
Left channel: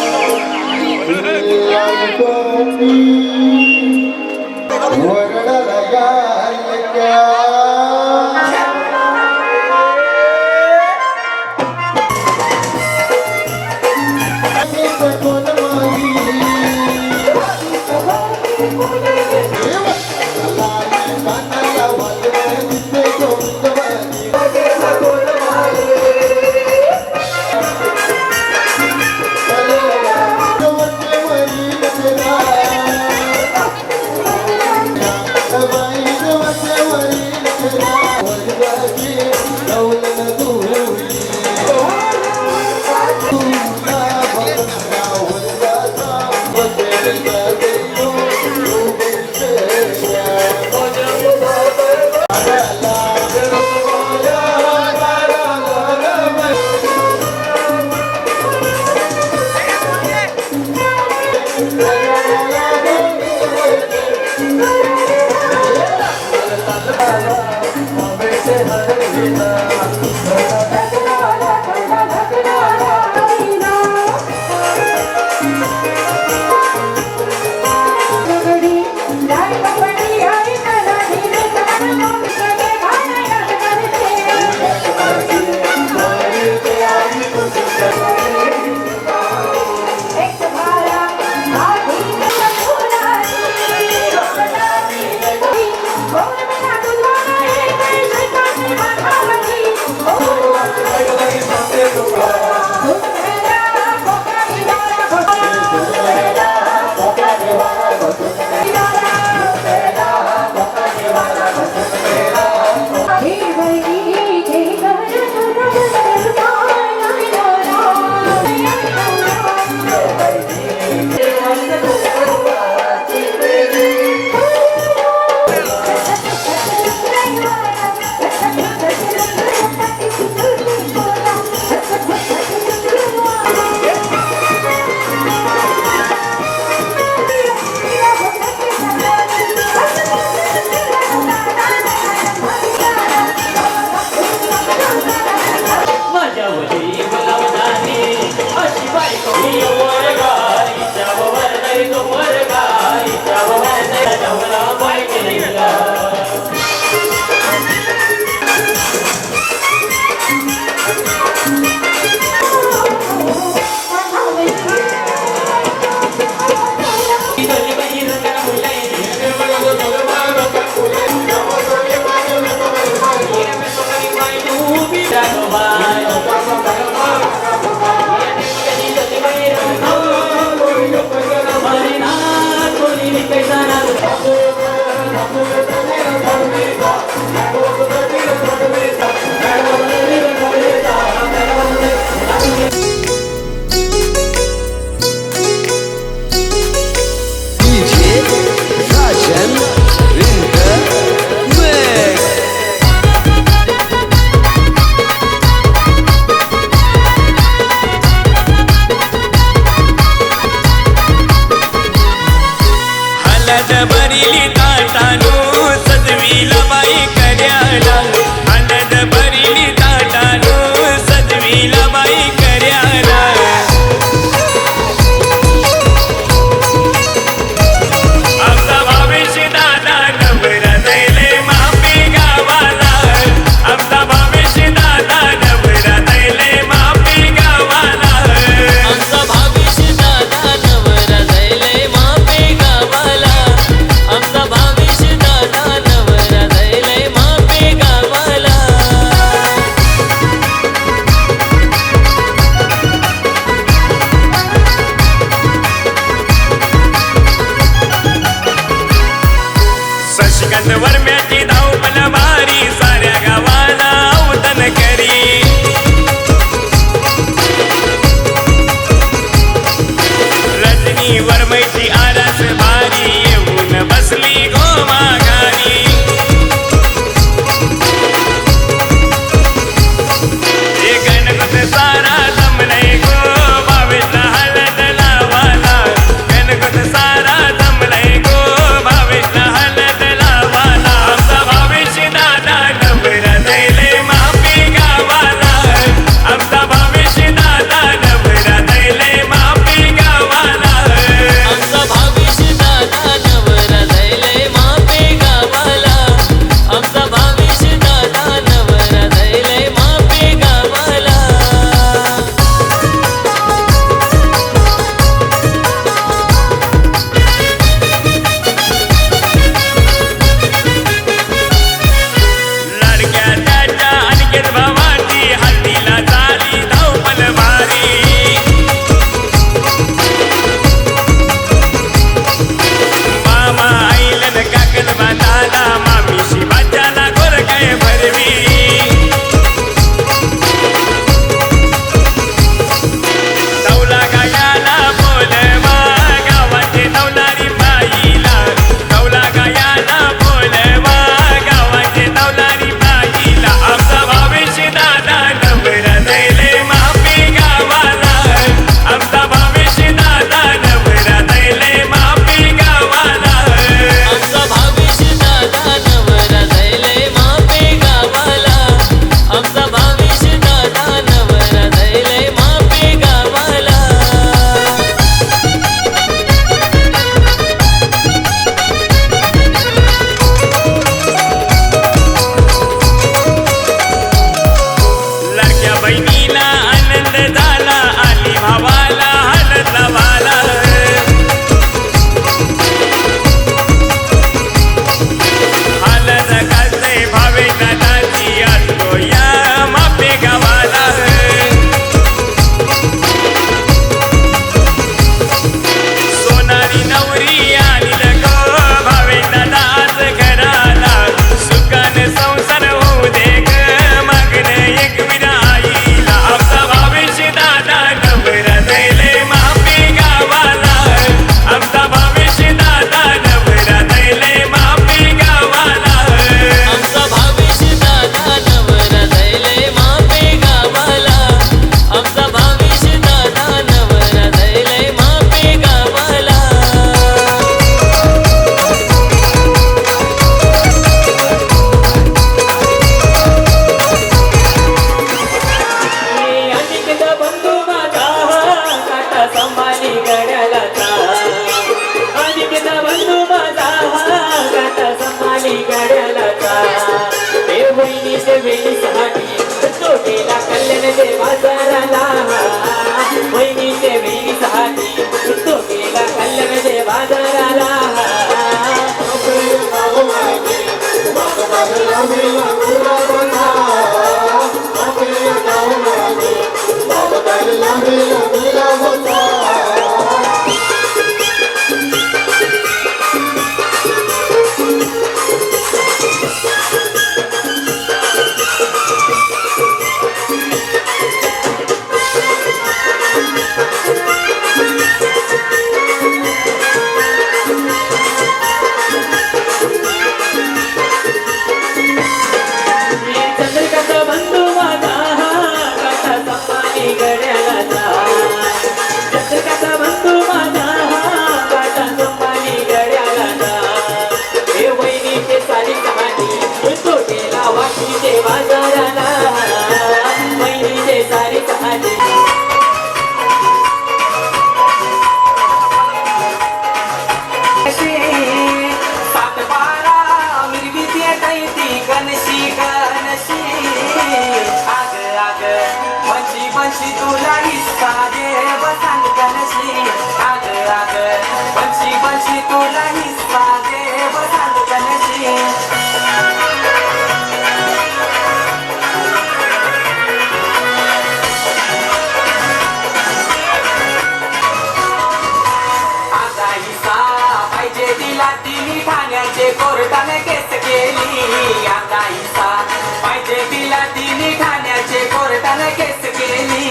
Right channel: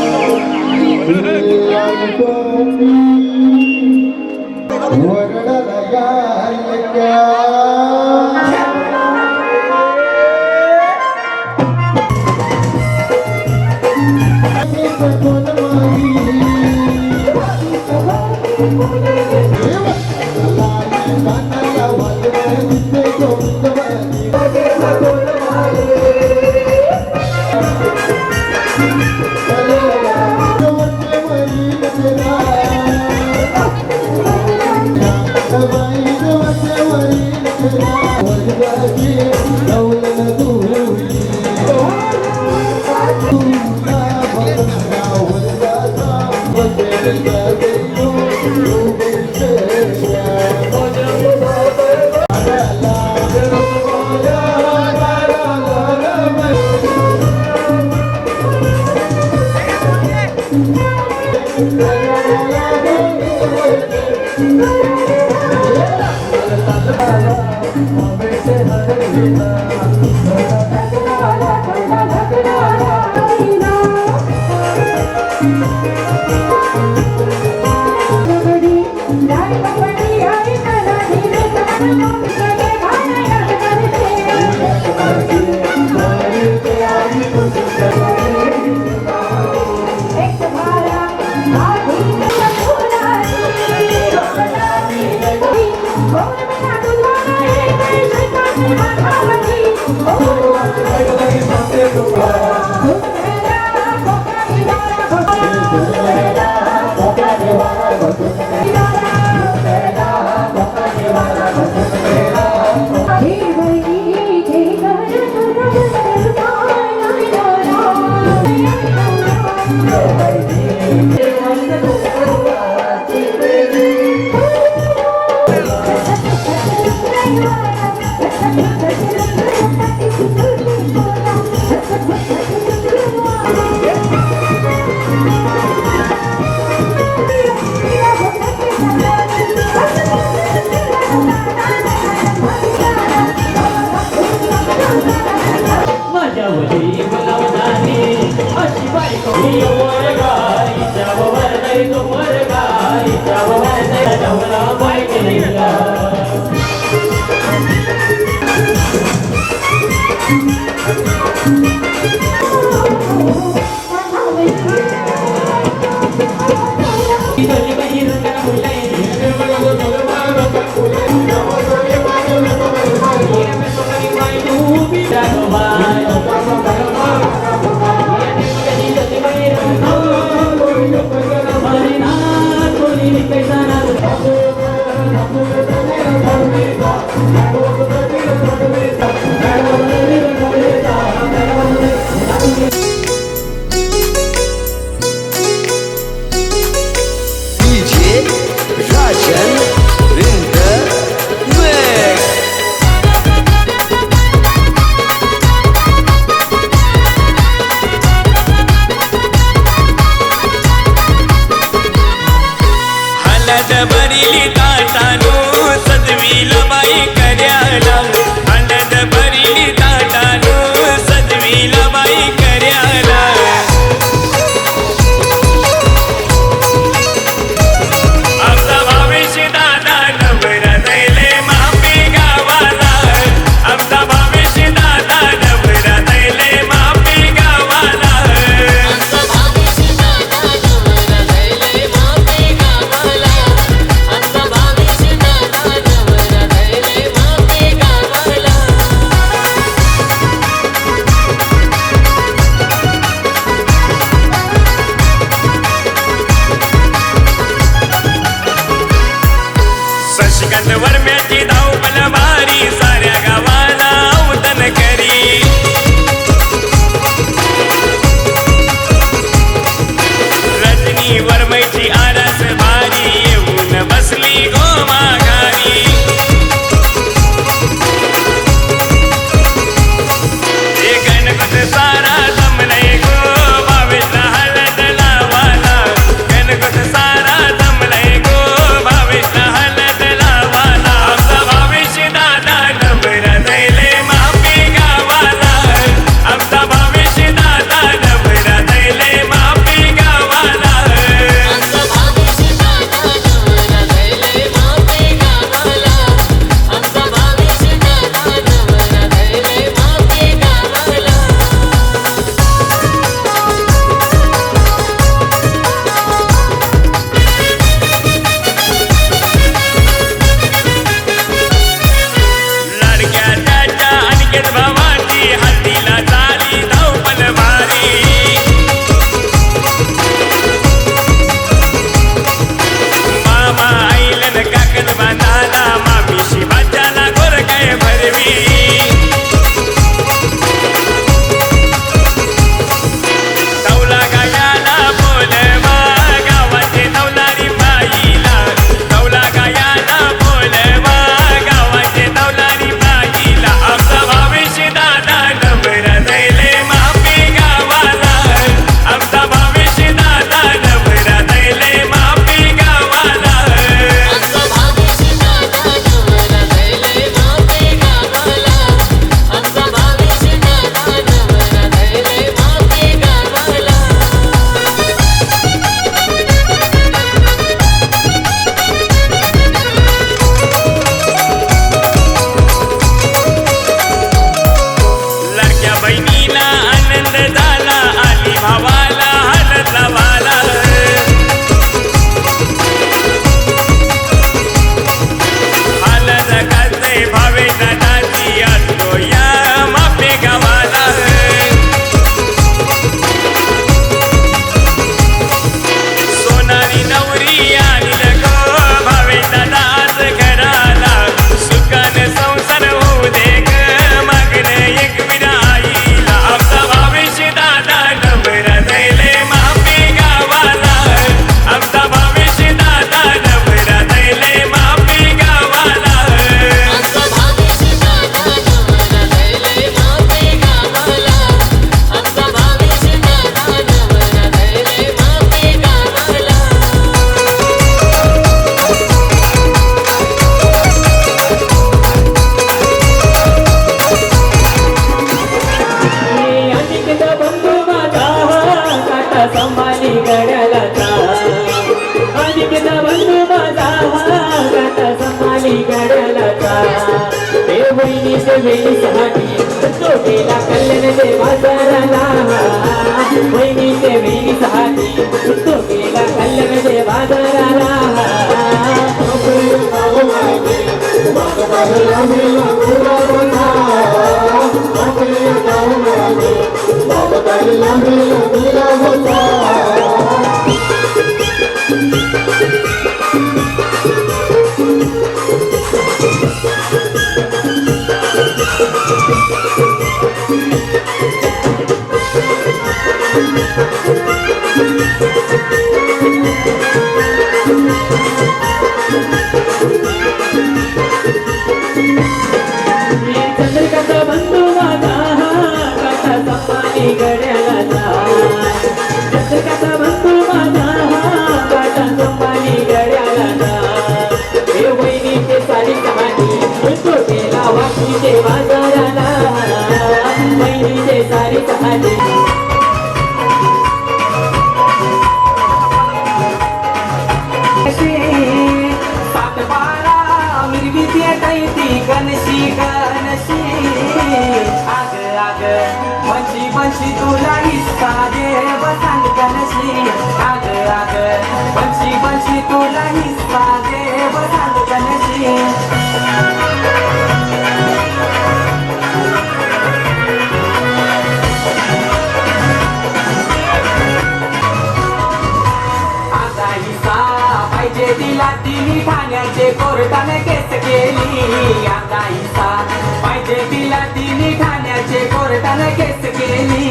भरली ताटानो सजवीला बाई कऱ्याला हळद भरली ताटानो सजवीला बाई वहिनीच्या वेळीसाठी तो गेला कल्याणच्या बाजाराला वहिनीच्या वेळीसाठी तो गेला कल्याणच्या बाजाराला चंद्रकांता बंधू माझा काटा संपानी गड्याला चंद्रकांता बंधू माझा काटा संपानी गड्याला हे वहिनीचे सारी कहाणी तो गेला वाशीचे बाजाराला वहिनीचे सारी कहाणी गणशी गणशी आग आग बंशी बंशी तुला हिस्सा दे बसंत गणशी आग आग बंशी बंशी तुला हिस्सा दे बसंत गणशी तिला तिने ठाण्याचे कोर्टाने केस केली आता हिसा पाहिजे तिला तिने ठाण्याचे कोर्टाने केस केली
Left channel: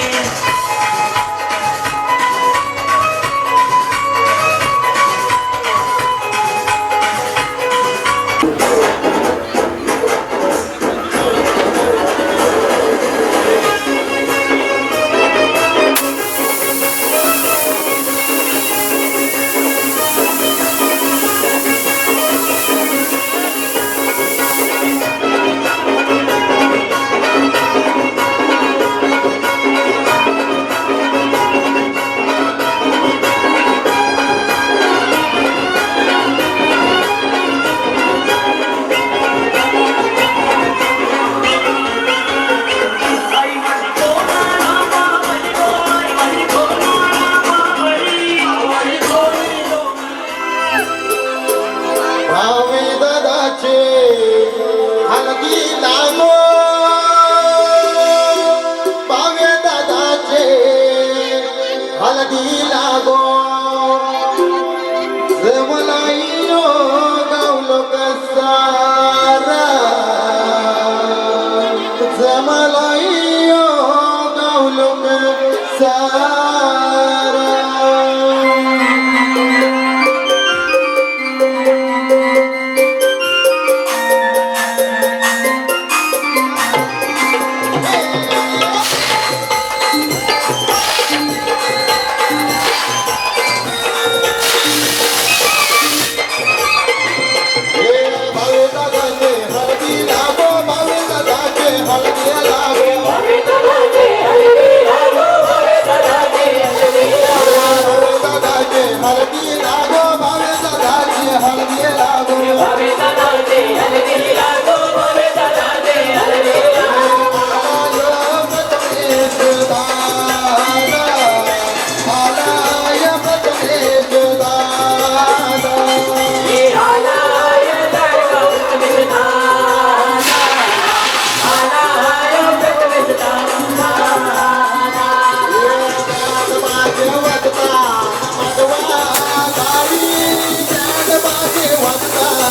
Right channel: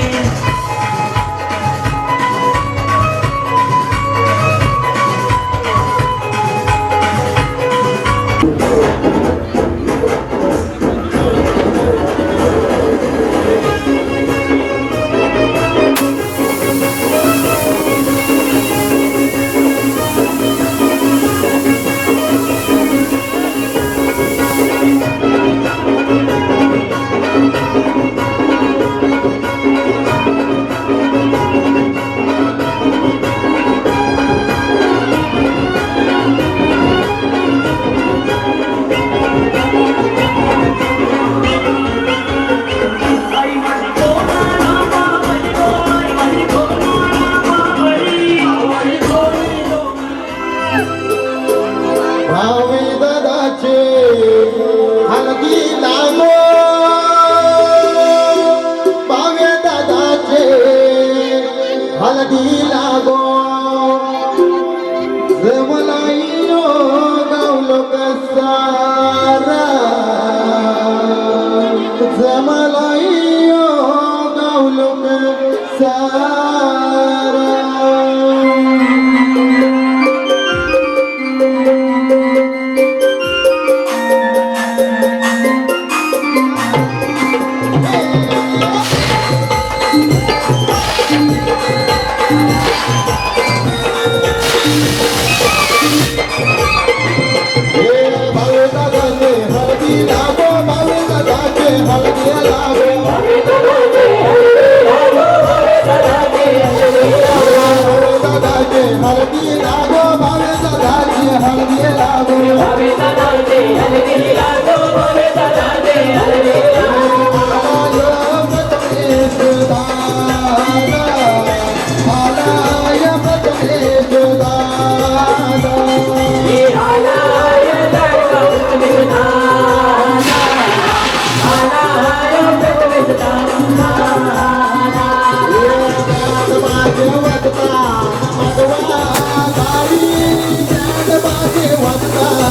वाजता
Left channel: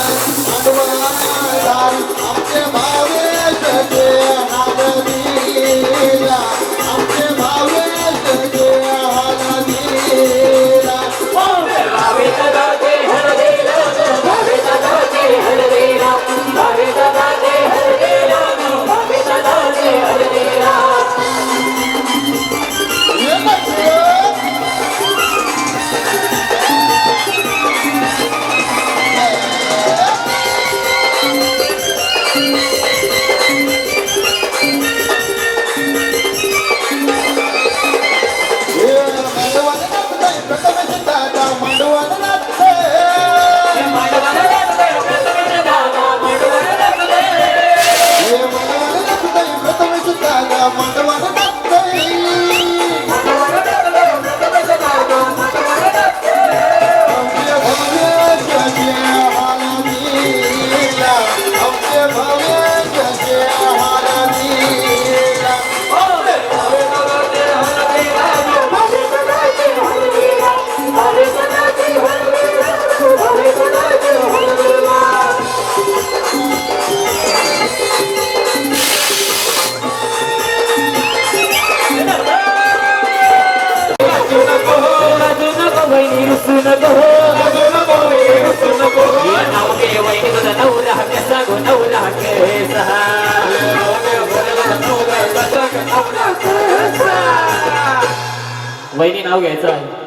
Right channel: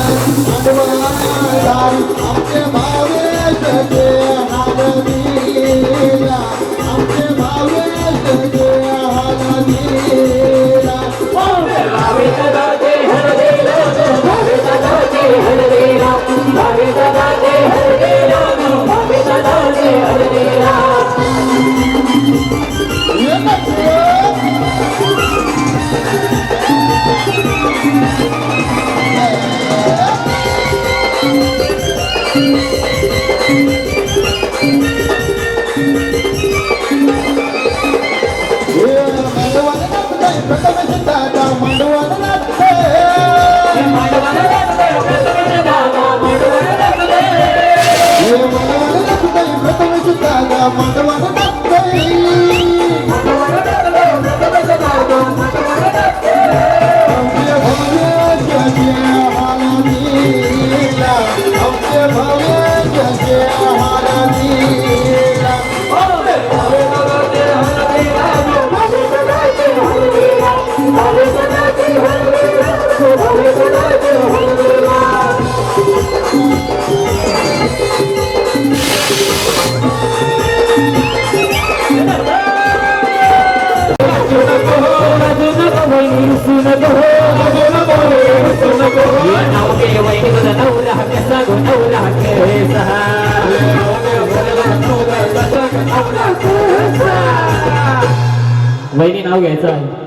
वहिनी नाव घ्यायचं आहे.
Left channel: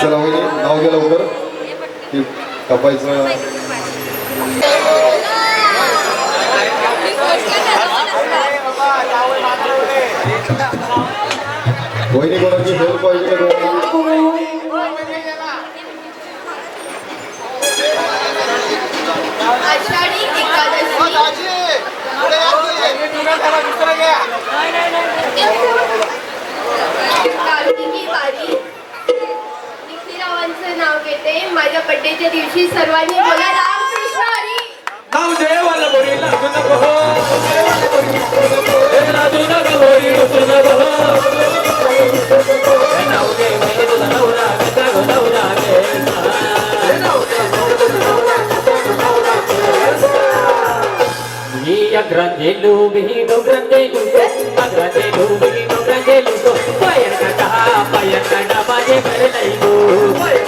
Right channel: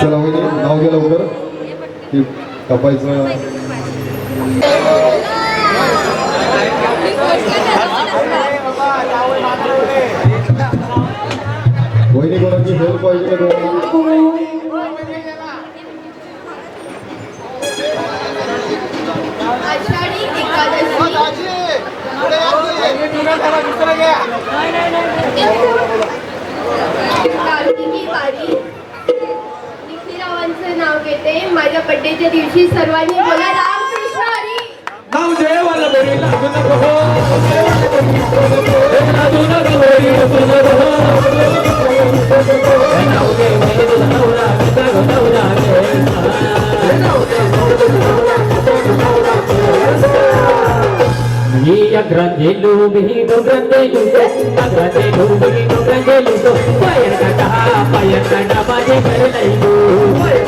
चला वहिनी नाव घ्या लवकर की कपायचं. वहिनी कोणाची हेल्प पाहिजे का तुम्हाला? आषाढी एकादशी कार्तिकी वारी निखिलरावांचं नाव घेते. माझ्या बड्डेच्या दिवशी सर्वांनी बोला रामकृष्ण हरी. नाव देवाला बोली लागू नको हो. लागू नको बोली नको हो. नाव देवाला बोलावला बोलावला गे ग्रंथेलू बिहिनो ग्रंथेलू ग्रंथेलू बिहिनो ग्रंथेलू पायर काटा माझे घर लईगो पायर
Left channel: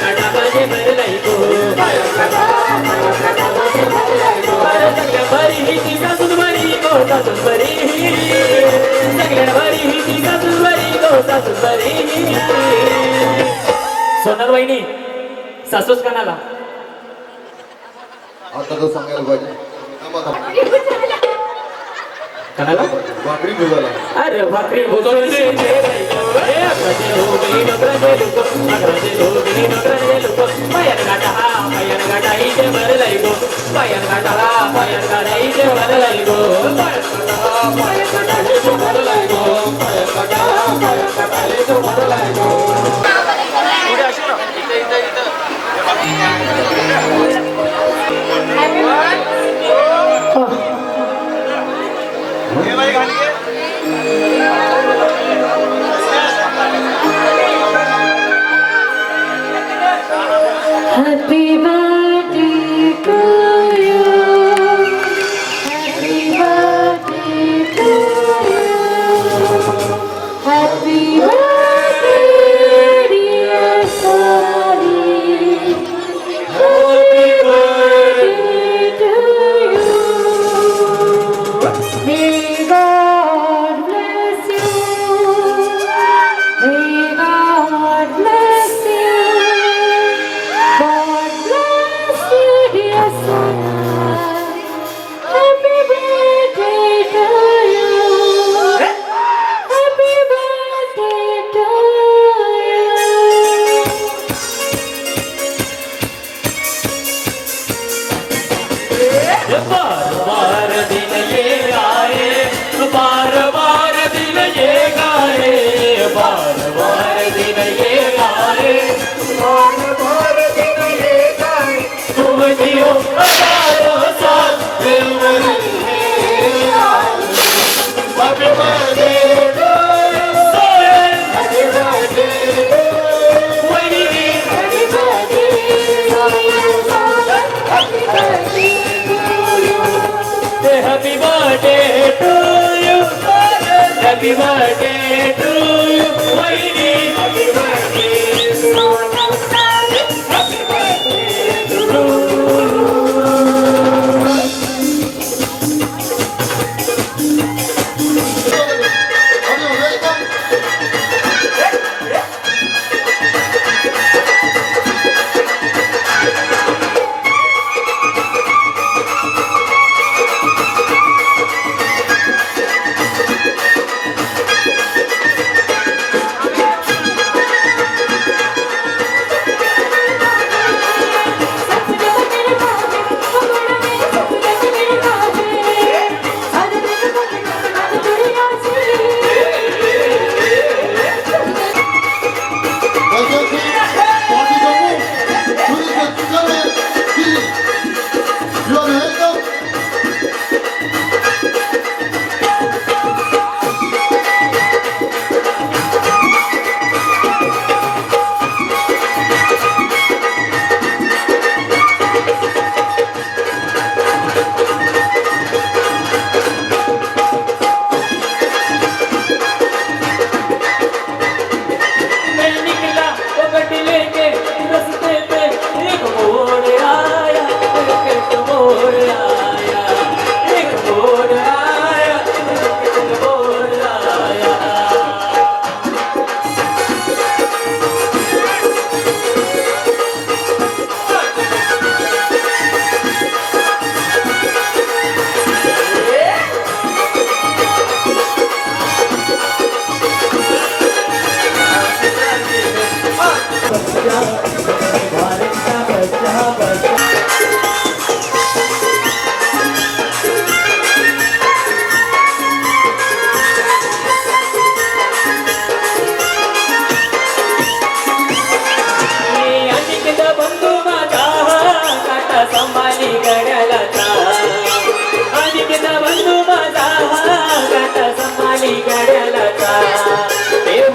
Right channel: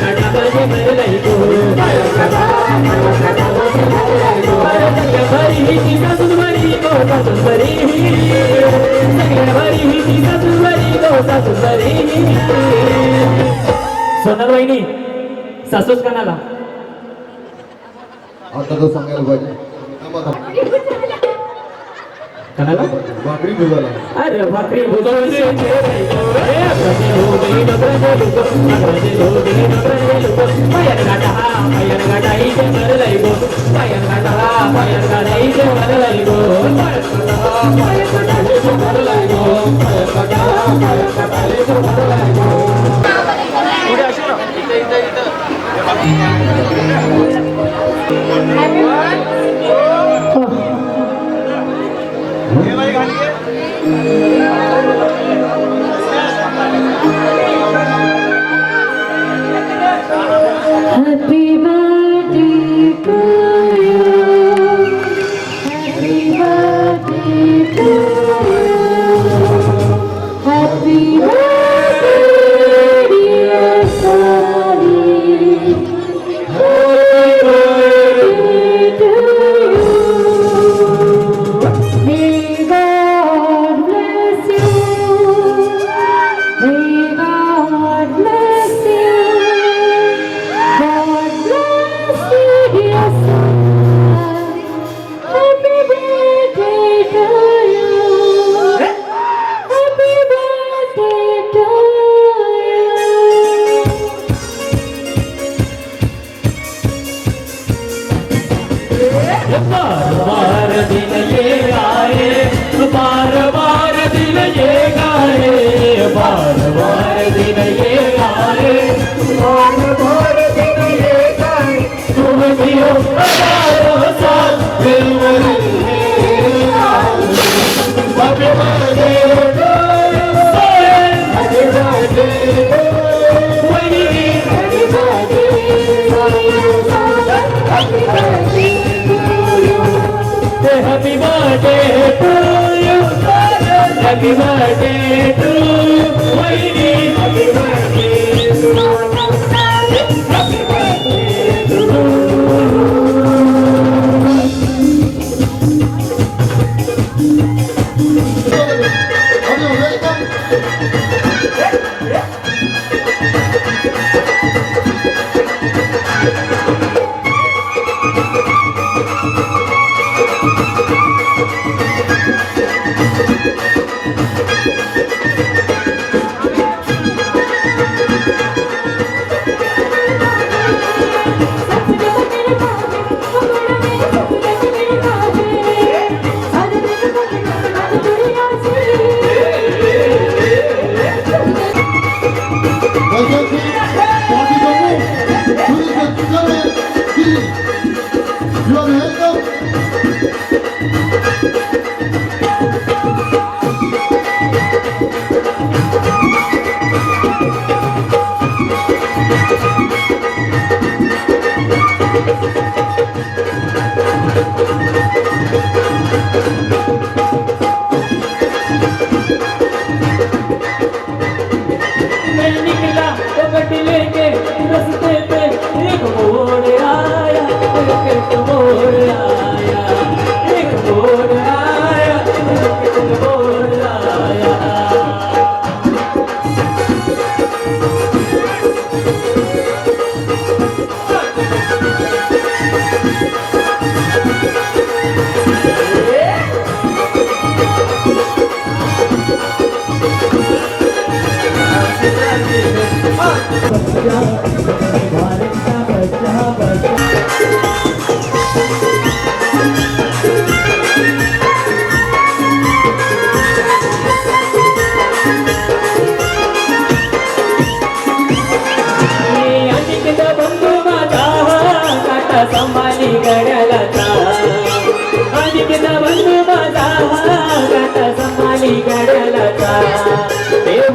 काटा माझे घर लईगो भरी ही सासुरवारी गो सासुरवारी भरी ही सासुरवारी गो सासुरवारी. सोनल वहिनी सासूच कणाला आता तर सांगायला पाहिजे. कणाला भाकरी भुजाला. अरे भाकरी भुजवली पायर गाटा पायर गाटा इथे वर लाईगो पायर गाटाला पायर गाटा इथे वर लाईगो पायर गाटा इथे वर लाईगो पायर गाटा इथे वर लाईगो. Happy birthday to you. Happy birthday to you. Happy birthday, dear Sally. Happy birthday to you. May God bless you. May God bless you. God bless you, dear son. Happy birthday to you. Happy birthday to बार बार दिन ये आए बार बार दिन ये गाए बार बार दिन ये गाए बार बार दिन ये गाए तुम जियो हजारों साल दिल में Happy birthday to you. Happy birthday to you. Happy birthday to you. Happy birthday to you. Happy birthday to you.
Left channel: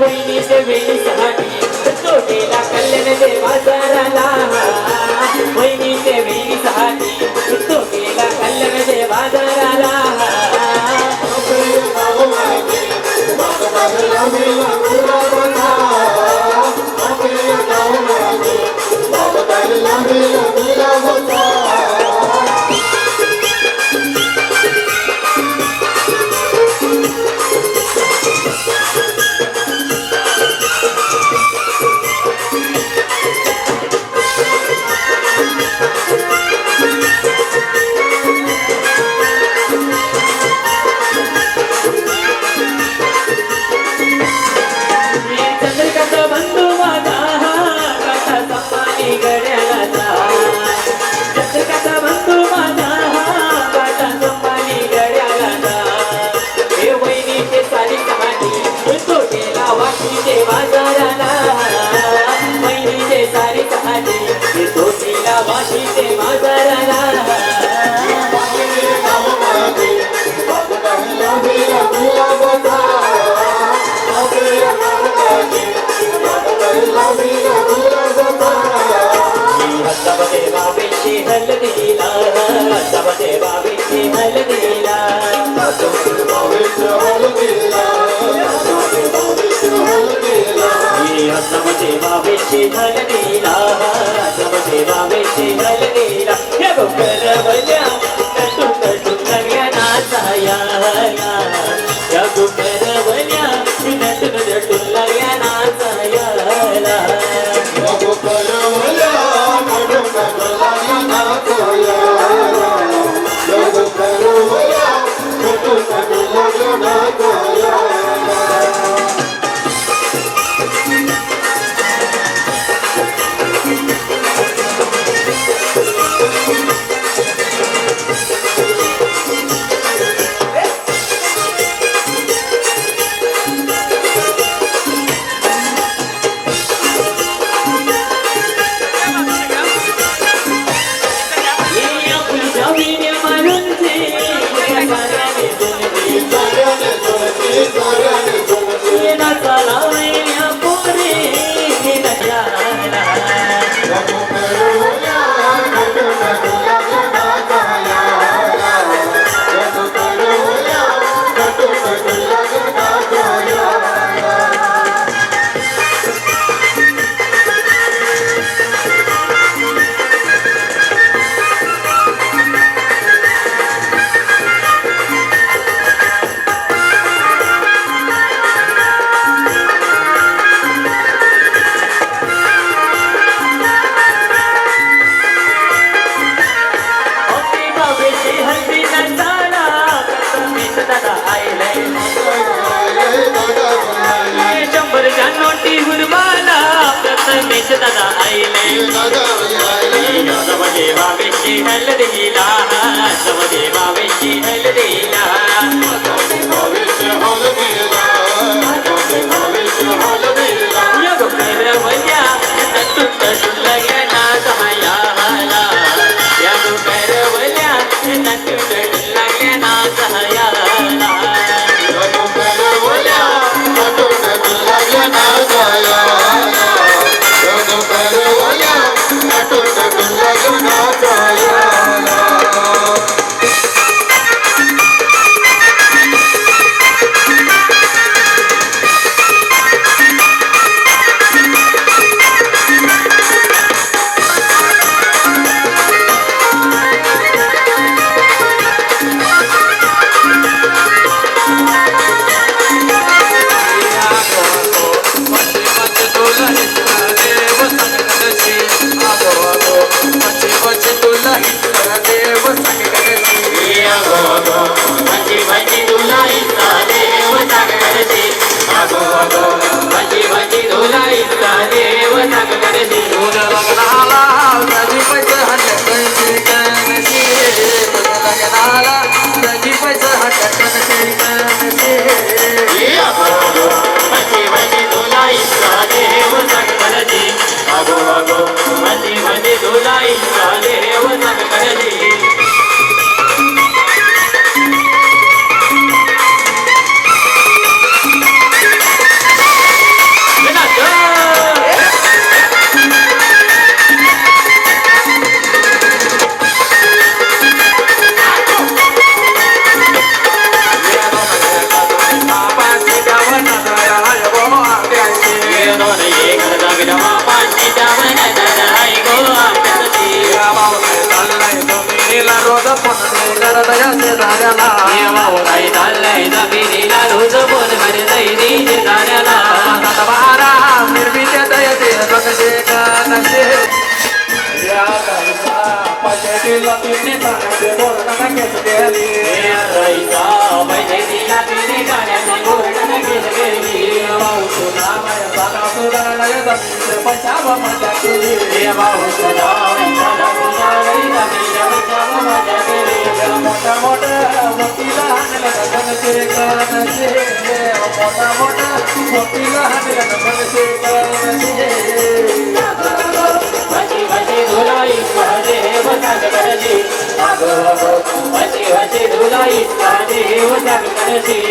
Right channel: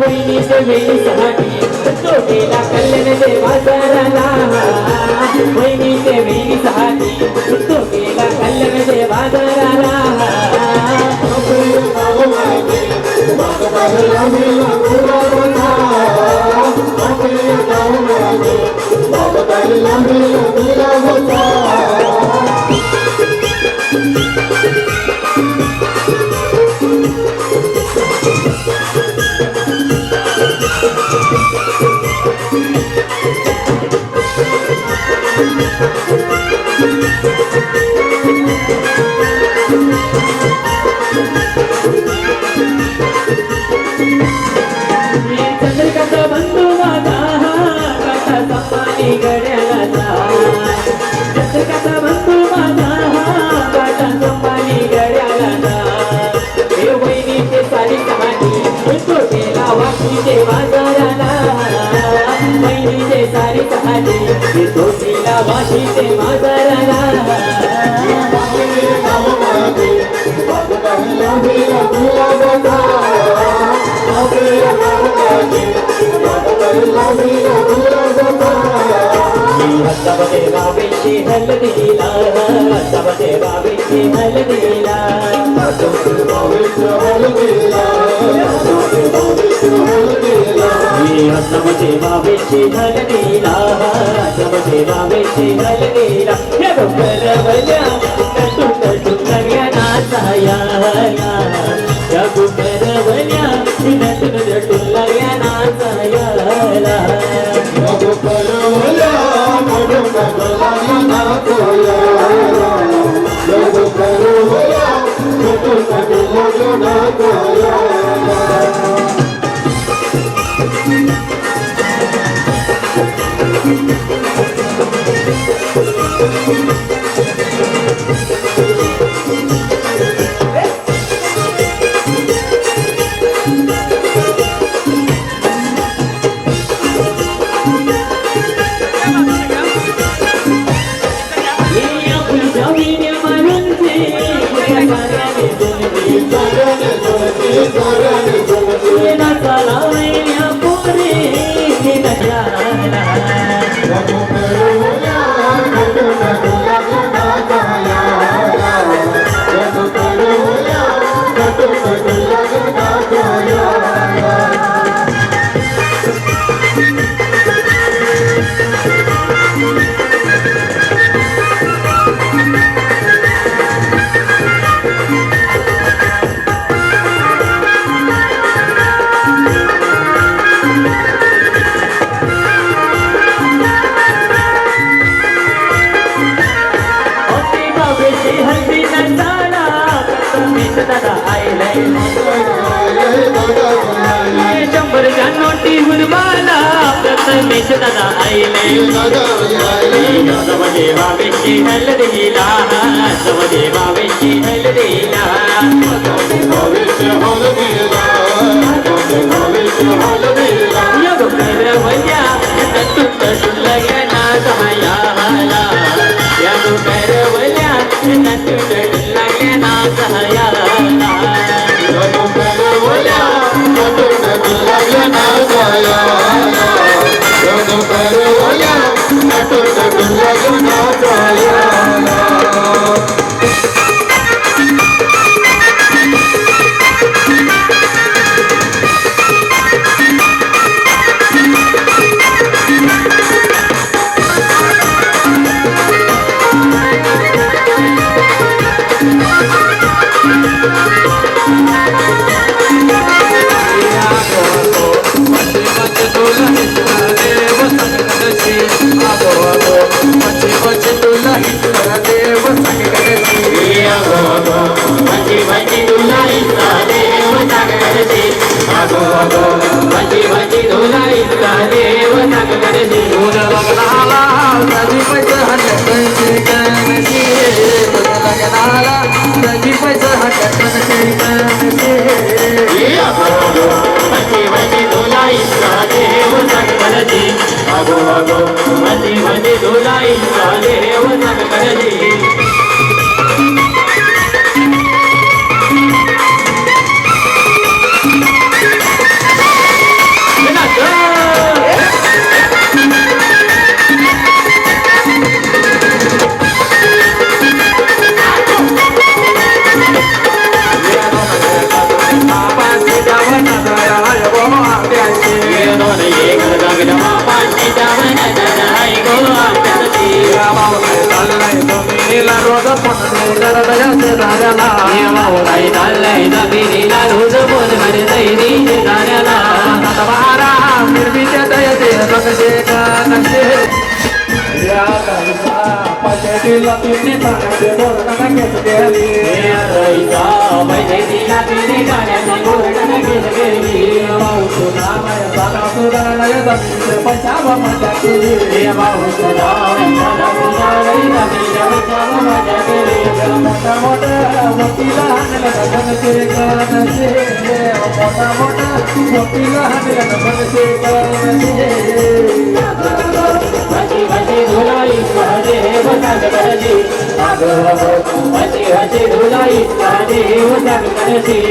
वहिनीचे वेणीसाठी तो गेला कल्याणचे बाजाराला वहिनीचे वेणीसाठी तो गेला कल्याणचे बाजाराला चंद्रकांत बंधू माझा काटा संपानी गड्याला चंद्रकांत बंधू माझा काटा संपानी गड्याला हे वहिनीचे सारी कहाणी तो गेला वाशीचे बाजाराला वहिनीचे सारी कहाणी तो गेला वाशीचे बाजाराला हसबते बाबीची हलदीला हसबते बाबीची हलदीला हसबते बाबीची हलदीला हसबते बाबीची हलदीला हे गोकरवल्या कटू कटू नव्या नाचाया या गोकरवल्या कटू कटू नव्या नाचाया दादा आईले देवा बेटी हलदीला देवा बेटी हलदीला औषधा मला पिलावई नवीन मुद्दाम माझ्या घरी मोठा मोठा वकीला हाणला गगनचे कानचे मोठा मोठा वकीला हाणला गगनचे कानचे हसी हसी धुलाई महादेव सागरजी हसी हसी धुलाई महादेव सागरजी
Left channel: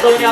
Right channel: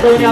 Sonia